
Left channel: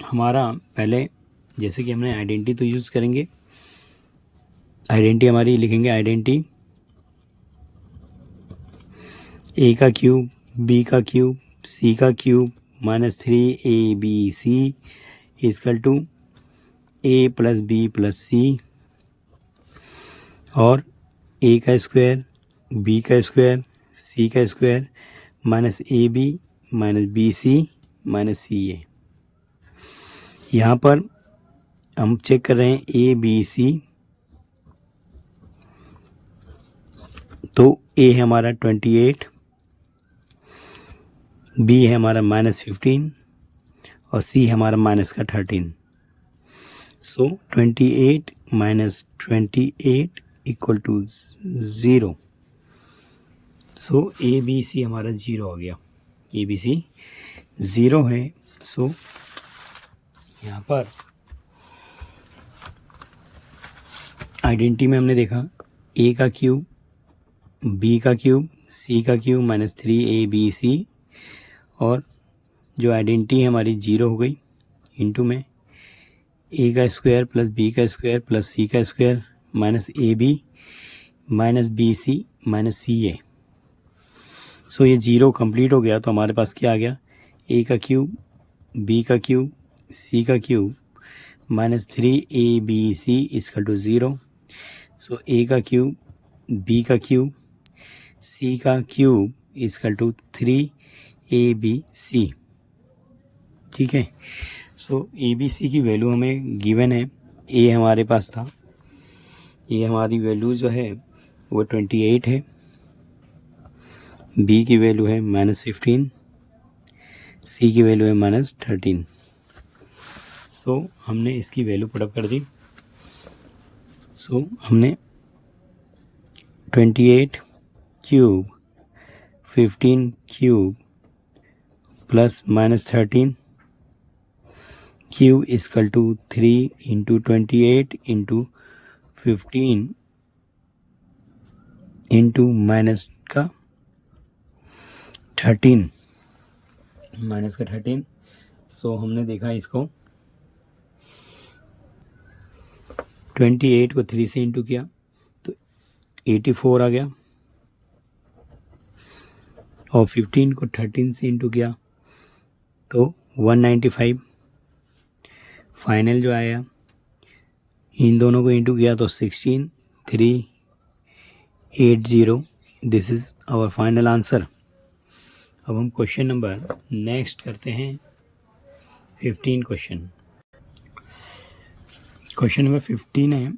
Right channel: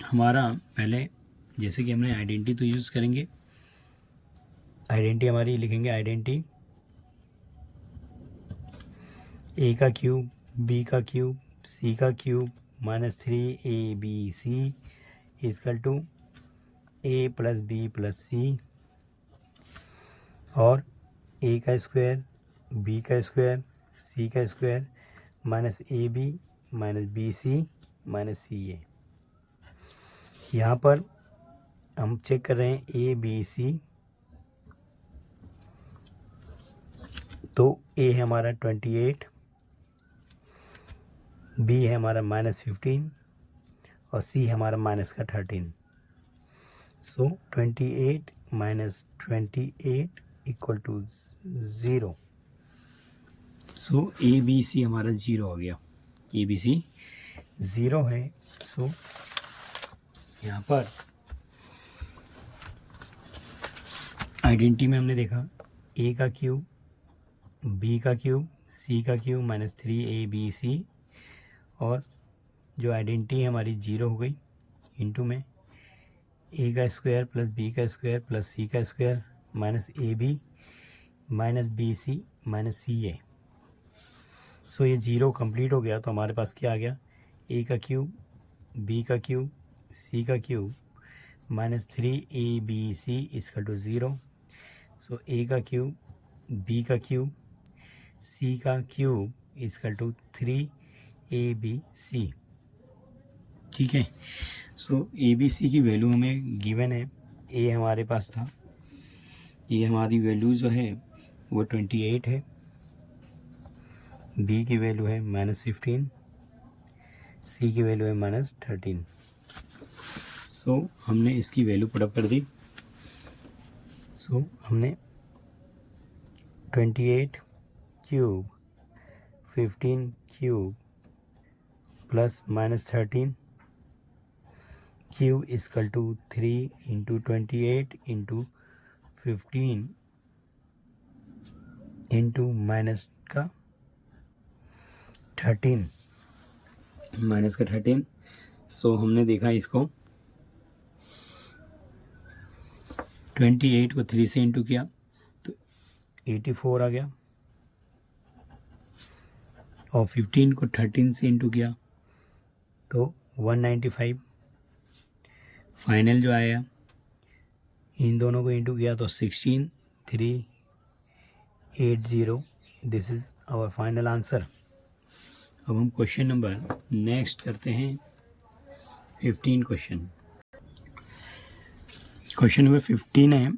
हमारा पहले जैसे कि हमने आइडेंटिटी तो यूज़ करेंगे, आइडेंटिटी हमारी लिखेंगे आइडेंटिटी ए का क्यूब बी का क्यूब सी का cube minus 3ABC is equal to a plus B plus सी और ए का स्क्वायर बी का स्क्वायर सी का square minus AB minus BC minus CA। यहाँ पर हम चेक कर रहे हैं ABC, तो A है हमारा 28, B है हमारा -15 और C है हमारा माइनस का 13। So 28 minus 28 equal to 0। So ABC हमारा 0 हो गया, ABC 0 है। सो यहाँ पर आइडेंटिटी में हमने देखा A का क्यूब B का क्यूब C का क्यूब माइनस 3ABC और जो आइडेंटिटी है हमारी 0 हो गई इंटू में A का स्क्वायर प्लस B का स्क्वायर प्लस C का square minus AB minus BC minus CA। सो ये 0 कंप्लीट हो गया, तो हमारे पास क्या आ गया A का क्यूब B का क्यूब C का cube minus 3ABC equal to 0। So A का क्यूब B का क्यूब C का क्यूब इसकल टू 3ABC। ठीक है। सो ABC की वैल्यू हमें गिवन है, A हमारे पास था, ये हमारी वैल्यू जो है वो 28 है, बी की वैल्यू है -15, सी की वैल्यू है -13। सो हमने इसकी वैल्यू पुटअप कर दी। सो हमने 28 cube 15 cube plus -13 cube equal to 3 into 28 into 15 into -13 so हमने देखा इसको 28 को 3 से इंटू किया तो 84 आ गया, और 15 को 13 से इंटू किया तो 195। फाइनल जो आया इन दोनों को इंटू किया तो 16 380। This is our final answer. अब हम क्वेश्चन नंबर नेक्स्ट करते हैं 15 क्वेश्चन। क्वेश्चन नंबर 15 है,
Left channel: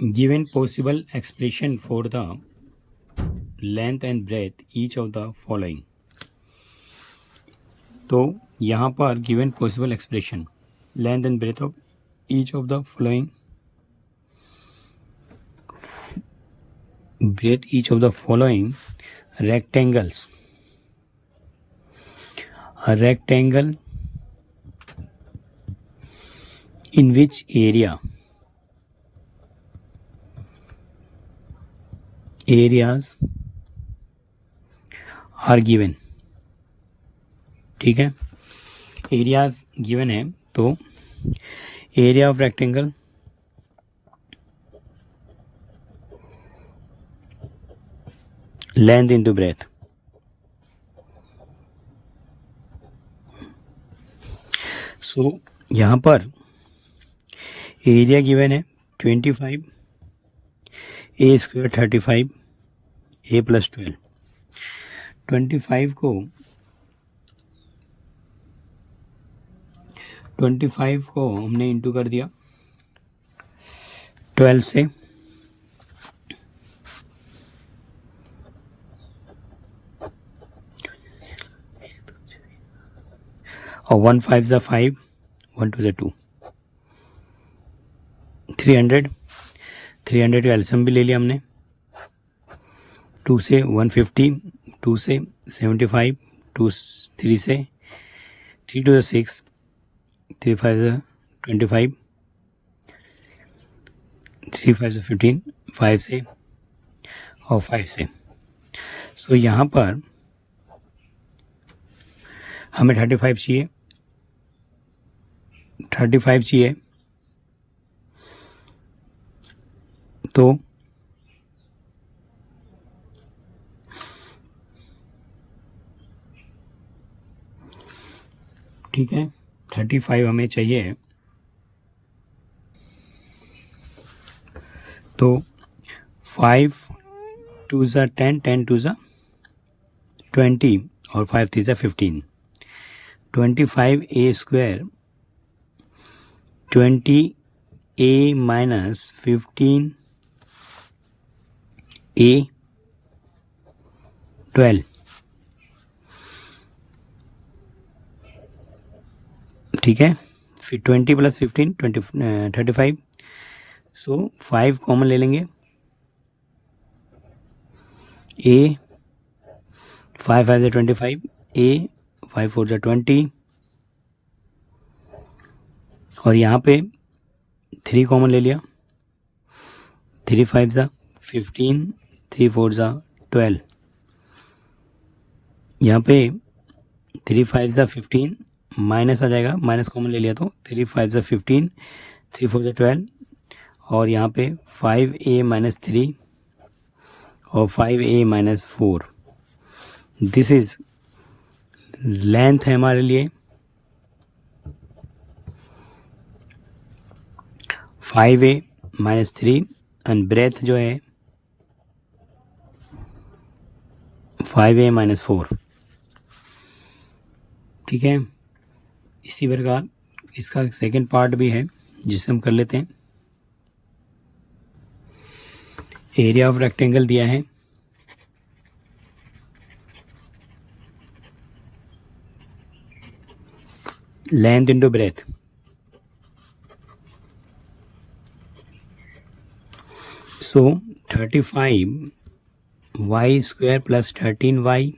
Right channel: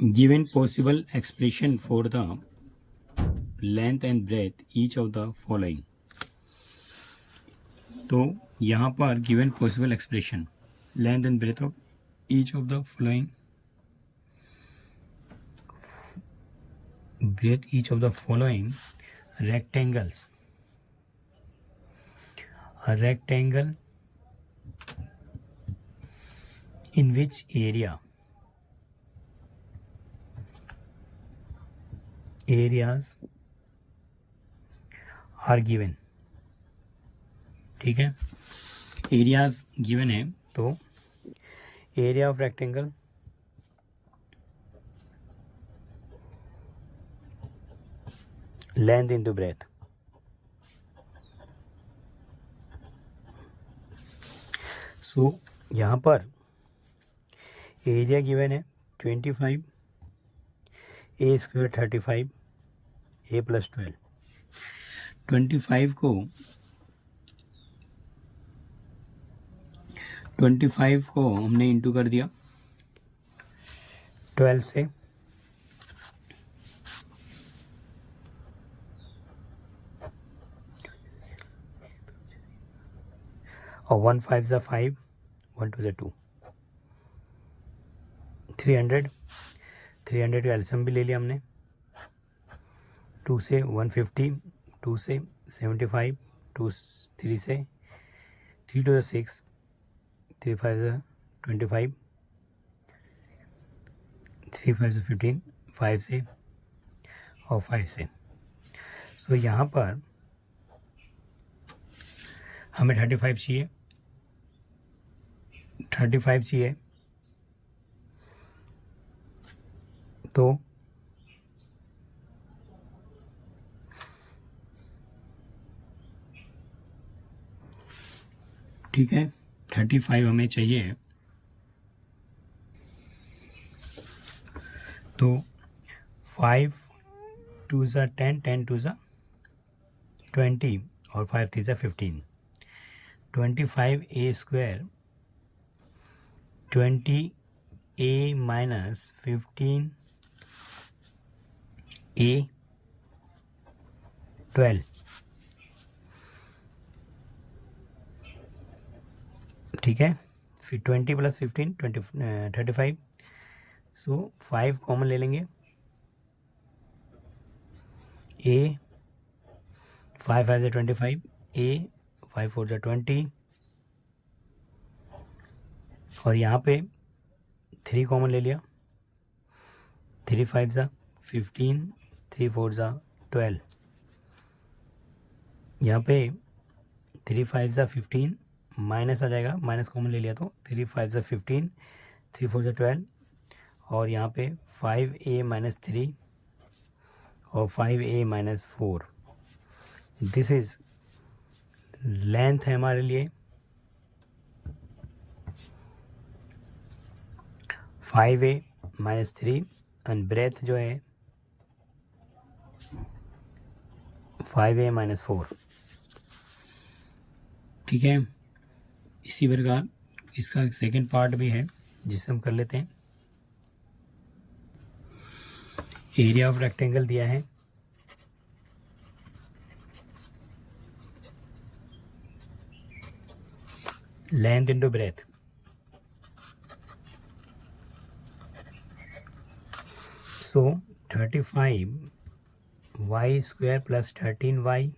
given possible expression for the length and breadth each of the following. तो यहाँ पर given possible expression length and breadth of each of the following, breadth each of the following rectangles. A rectangle in which areas are given। ठीक है, areas given है तो area of rectangle length into breadth. So यहाँ पर area given है 25, ए square 35, ए plus 12। 25 को हमने into कर दिया 12 से, और 1 5 ज़ा 5, 1 2 ज़ा 2, 300 का एल्सियम भी ले लिया हमने। 2 से 150, 2 से 75, 2 3 से 3 2 6, 3 5 25, 3 5 15, 5 से और 5 से। सो यहाँ पर हमें 35 चाहिए, 35 चाहिए तो ठीक है 35 हमें चाहिए, तो 5 2 ज़ा 10, 10 2 ज़ा 20 और 5 3 ज़ा 15। 25 ए स्क्वायर 20 ए माइनस 15 ए 12। ठीक है, फिर 20 प्लस 15 35। सो 5 कॉमन ले लेंगे, ए 5 5 25, ए 5 4 20, और यहाँ पे 3 कॉमन ले लिया, 3 5 ज़ा 15, 3 4 ज़ा 12। यहाँ पे 3 5 ज़ा 15 माइनस आ जाएगा, माइनस कॉमन ले लिया तो 3 5 ज़ा 15, 3 4 ज़ा 12, और यहाँ पे 5a माइनस 3 और 5a minus 4। This is length है हमारे लिए 5a माइनस 3 एंड ब्रेथ जो है 5a माइनस 4। ठीक है, इसी प्रकार इसका सेकंड पार्ट भी है जिसे हम कर लेते हैं। एरिया ऑफ रेक्टेंगल दिया है लेंथ इंटू ब्रेथ, सो 35y square plus 13y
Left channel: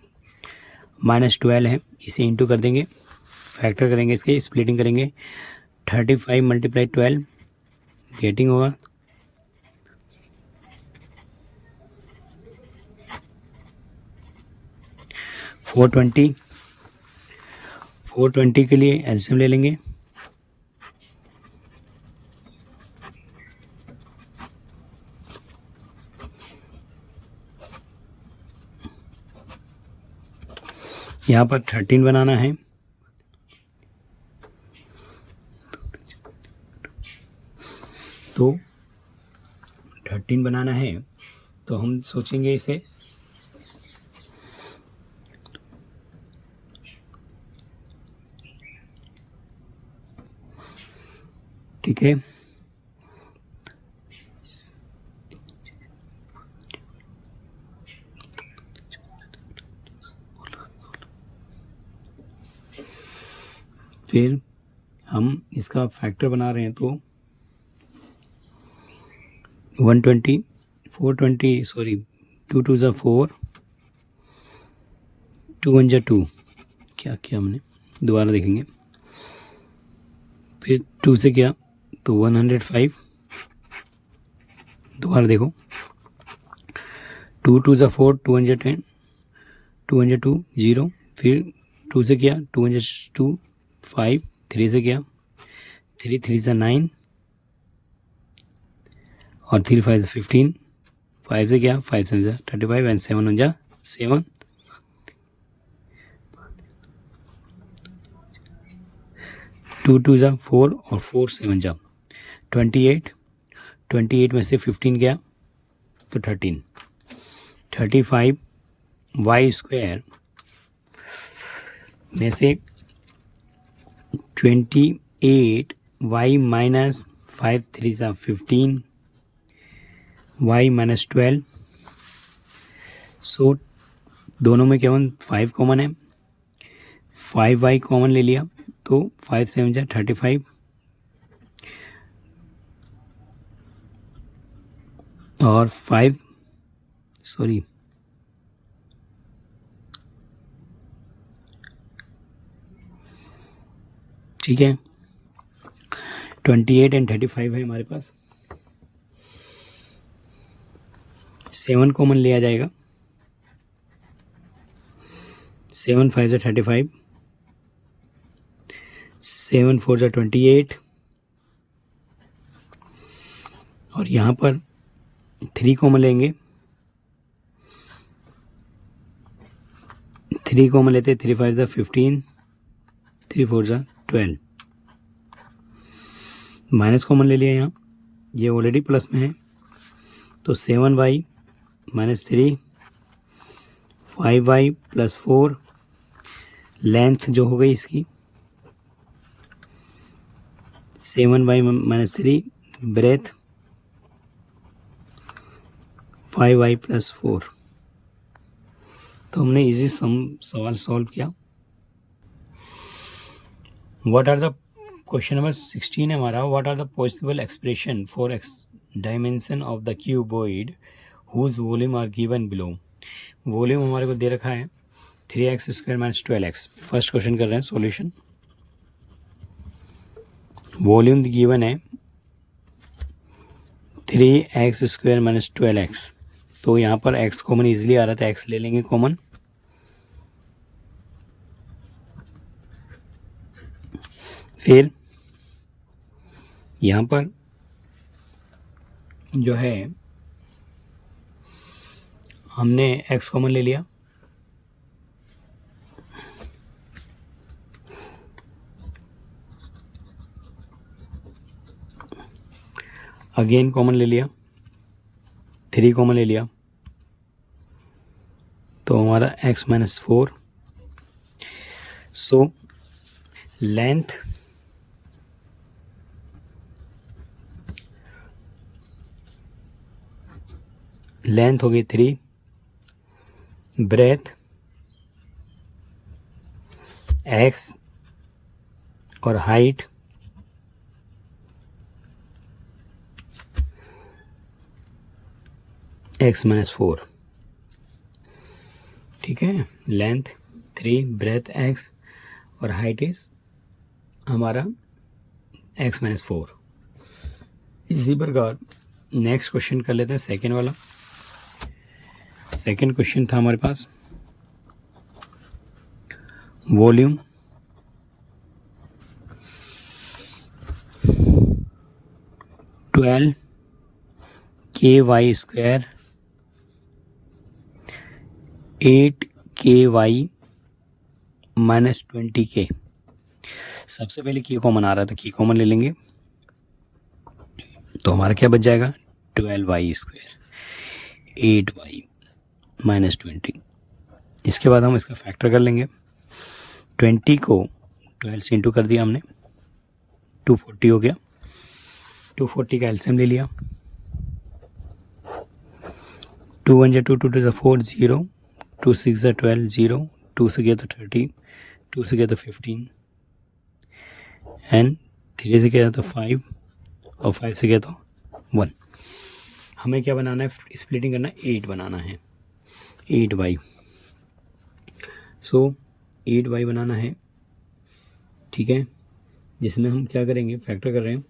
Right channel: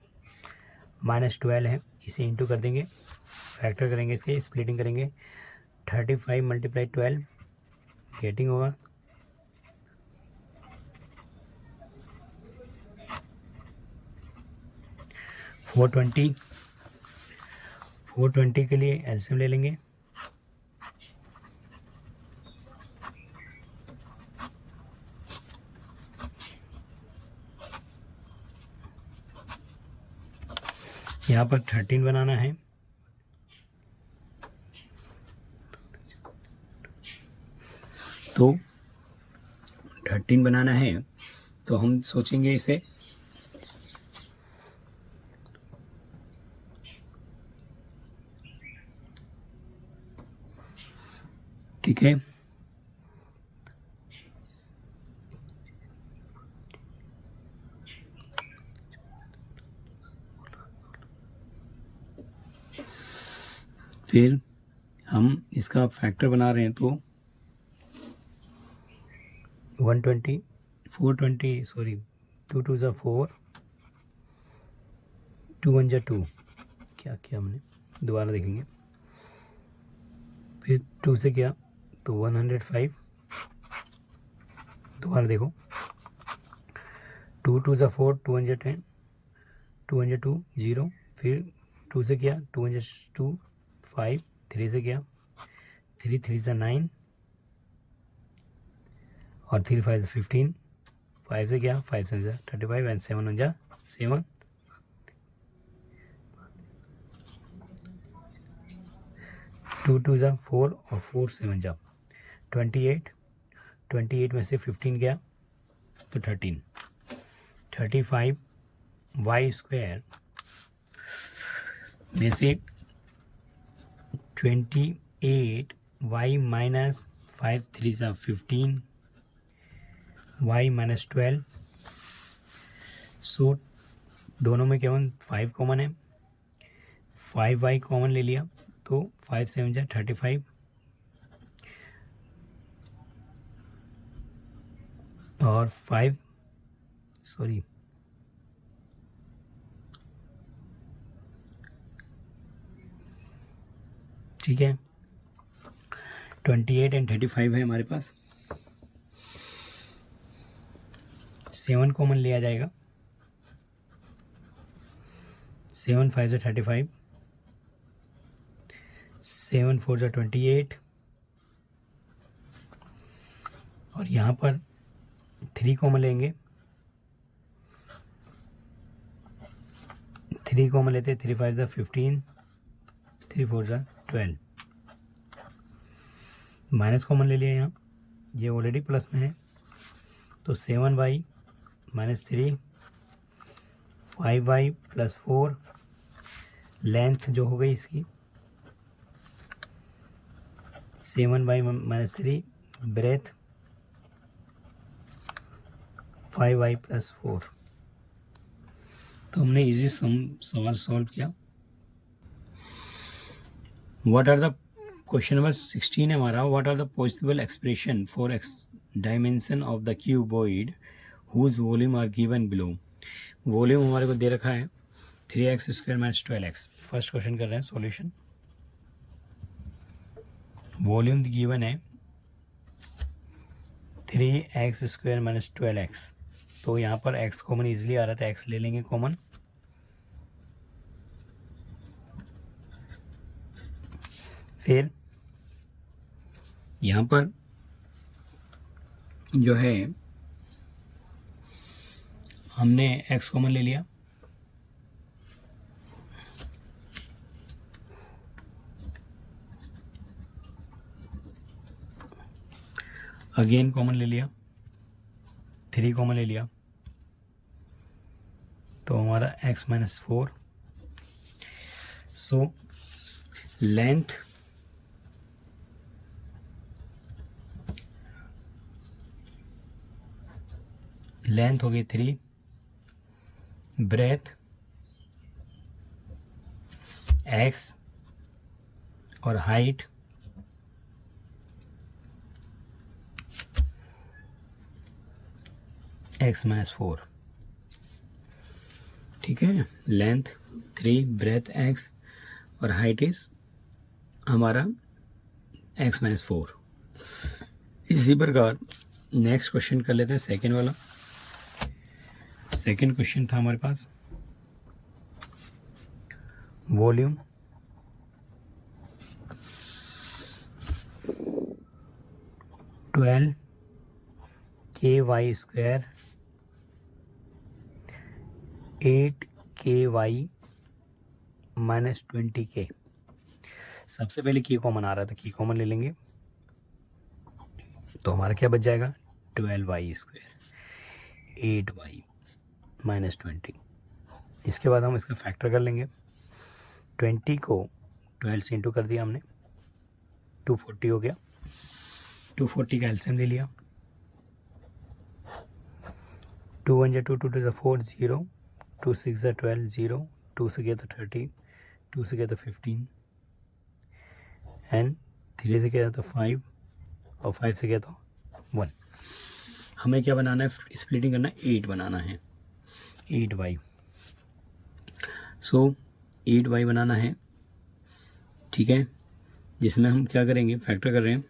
minus 12 है, इसे इंटू कर देंगे, फैक्टर करेंगे, इसके स्प्लिटिंग करेंगे, 35 मल्टीप्लाई 12 गेटिंग होगा 420, 420 के लिए एलसीएम ले लेंगे, यहाँ पर 13 बनाना है, तो 13 बनाना है तो हम सोचेंगे इसे ठीक है, फिर हम इसका फैक्टर बना रहे हैं तो 120 420 सॉरी 2 2 ज़ा 4 2 1 ज़ा 2, क्या किया हमने दोबारा देखेंगे, फिर 2 से क्या तो 105, दोबारा देखो 2 2 ज़ा 4 2 1 ज़ा 10 2 1 ज़ा 2 0, फिर 2 से क्या 2 1 ज़ा 2 5, 3 से क्या 3 3 ज़ा 9 और 3 5 ज़ा 15, 5 से क्या 5 7 ज़ा 35 एंड 7 1 ज़ा 7, 2 2 ज़ा 4 और 4 7 ज़ा 28, 28 में से 15 गया तो 13, 35 वाई स्क्वायर में से 28 वाई माइनस 5 3 ज़ा 15 वाई माइनस 12, सो दोनों में केवल 5 कॉमन है, 5 वाई कॉमन ले लिया तो 5 7 ज़ा 35 और 5 सॉरी ठीक है 28 एंड 35 है हमारे पास, 7 कॉमन लिया जाएगा, 7 5 ज़ा 35, 7 4 ज़ा 28 और यहाँ पर 3 कॉमन लेंगे, 3 कॉमन लेते 3 5 ज़ा 15, 3 4 ज़ा 12, माइनस कॉमन ले लिया यहाँ, ये ऑलरेडी प्लस में है तो 7 y minus 3 5 y plus 4, length जो हो गई इसकी 7 y minus 3 breadth 5 y plus 4, तो हमने इजी सवाल सॉल्व किया। What are the question number 16 है हमारा, what are the possible expression for x dimension of the cuboid whose volume are given below. Volume हमारे को दे रखा है 3x square minus 12x। First question कर रहे हैं सॉल्यूशन। वॉल्यूम गिवन है 3x स्क्वायर माइनस 12x, तो यहाँ पर x कॉमन इजीली आ रहा था, x ले लेंगे कॉमन, फिर यहाँ पर जो है हमने x कॉमन ले लिया, अगेन कॉमन ले लिया, 3 कॉमन ले लिया, तो हमारा x माइनस 4, सो लेंथ होगी 3, ब्रेथ x और हाइट x-4, ठीक है। लेंथ 3, ब्रेथ x और हाइट इज हमारा x-4। इसी प्रकार नेक्स्ट क्वेश्चन कर लेते हैं, सेकेंड वाला। सेकेंड क्वेश्चन था हमारे पास वॉल्यूम 12 ky² 8 ky - 20k। सबसे पहले की कॉमन आ रहा था, की कॉमन ले लेंगे तो हमारा क्या बच जाएगा 12y², 8y - 20। इसके बाद हम इसका फैक्टर कर लेंगे। 20 को 12 से इंटू कर दिया हमने, 240 हो गया। 240 का एलसीएम ले लिया। 2 1 2 2 2 4 0, 2 6 12 0, 2 से गया तो 30, 2 से गया तो 15 एंड 3 से गया तो 5 और 5 से गया तो 1। हमें क्या बनाना है, स्प्लिटिंग करना है, 8 बनाना है, 8y। सो 8y बनाना है, ठीक है, जिसमें हम क्या करेंगे, फैक्टर कर रहे हैं।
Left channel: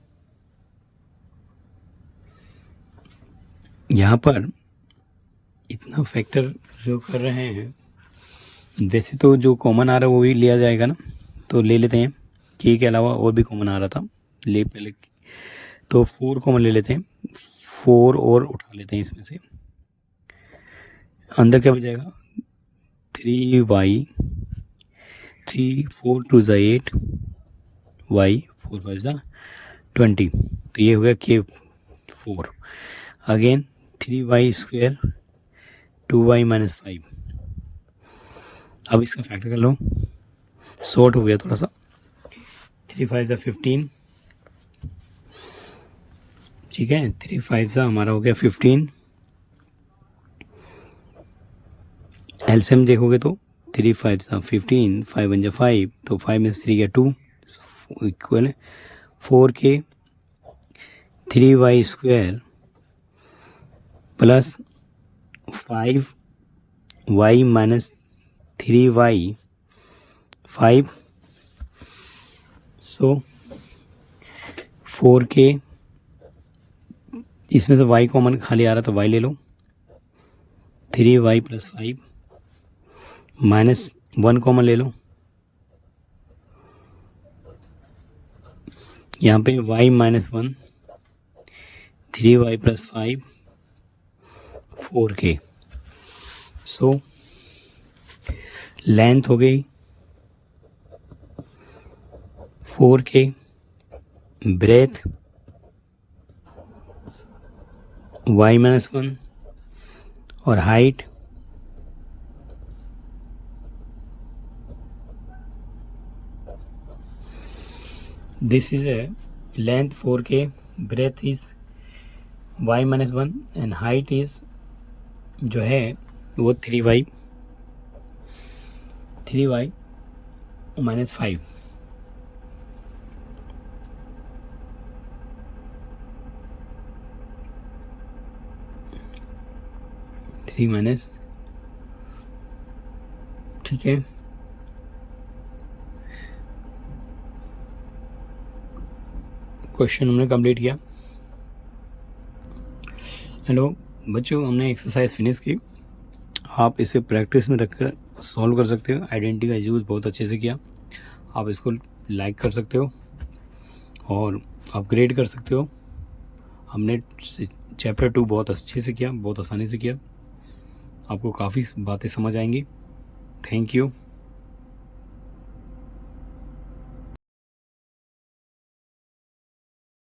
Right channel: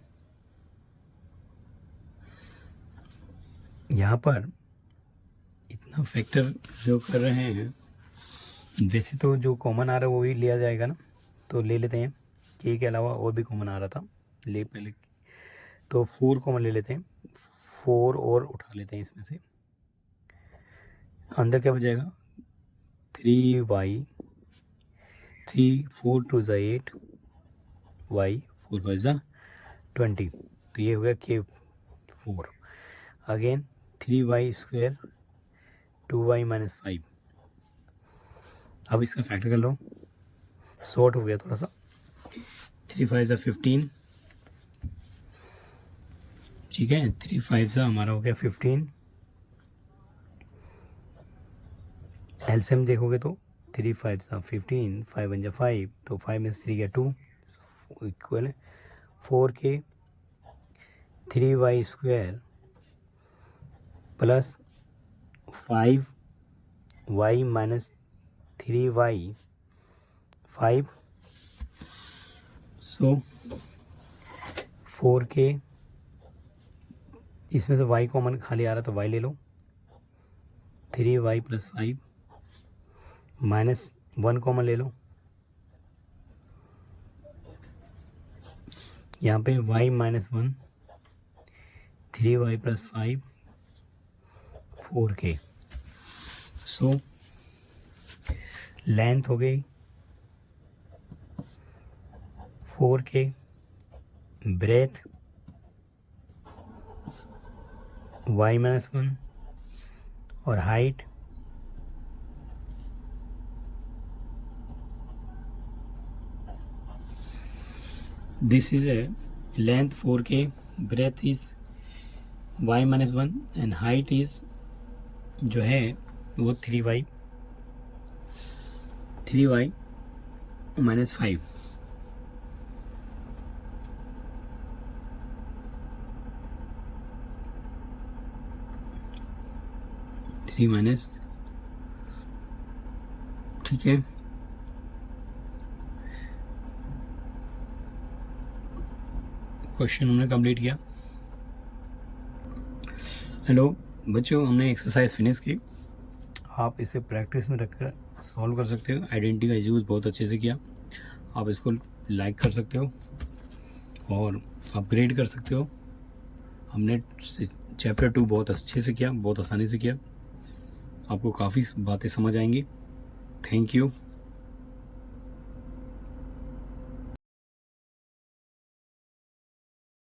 यहाँ पर इतना फैक्टर जो कर रहे हैं, वैसे तो जो कॉमन आ रहा है वो भी लिया जाएगा ना, तो ले लेते हैं। के अलावा और भी कॉमन आ रहा था, ले पहले तो 4 कॉमन ले लेते हैं, 4 और उठा लेते हैं इसमें से। अंदर क्या बच जाएगा 3y, 3 4 2 8 y, 4 5 20, तो ये हो गया k4। Again 3y², 2y - 5। अब इसका फैक्टर कर लो, शॉर्ट हो गया थोड़ा सा। 3 5 15, ठीक है, 3 5 हमारा हो गया 15। एलसीएम देखोगे तो 3 5 15, 5 1 5, तो 5 में 3 गया 2, equal 4k 3y² plus 5y - 3y 5। सो 4k, इसमें से y कॉमन खाली आ रहा था, y ले लो, 3y + 5 माइनस 1 कॉमन ले लो, यहाँ पे y - 1, 3y + 5 4k। So length हो गई 4k, ब्रेथ y - 1 और height this is a length 4k, breadth is y - 1 and height is जो है वो 3y - 5। 3 माइनस, ठीक है। क्वेश्चन हमने कंप्लीट किया। हेलो बच्चों, हमने एक्सरसाइज फिनिश की। आप इसे प्रैक्टिस में रखकर सॉल्व कर सकते हो। आइडेंटिटी का यूज़ बहुत अच्छे से किया। आप इसको लाइक कर सकते हो और अपग्रेड कर सकते हो। हमने चैप्टर 2 बहुत अच्छे से किया, बहुत आसानी से किया। आपको काफ़ी बातें समझ आएंगी। Thank you.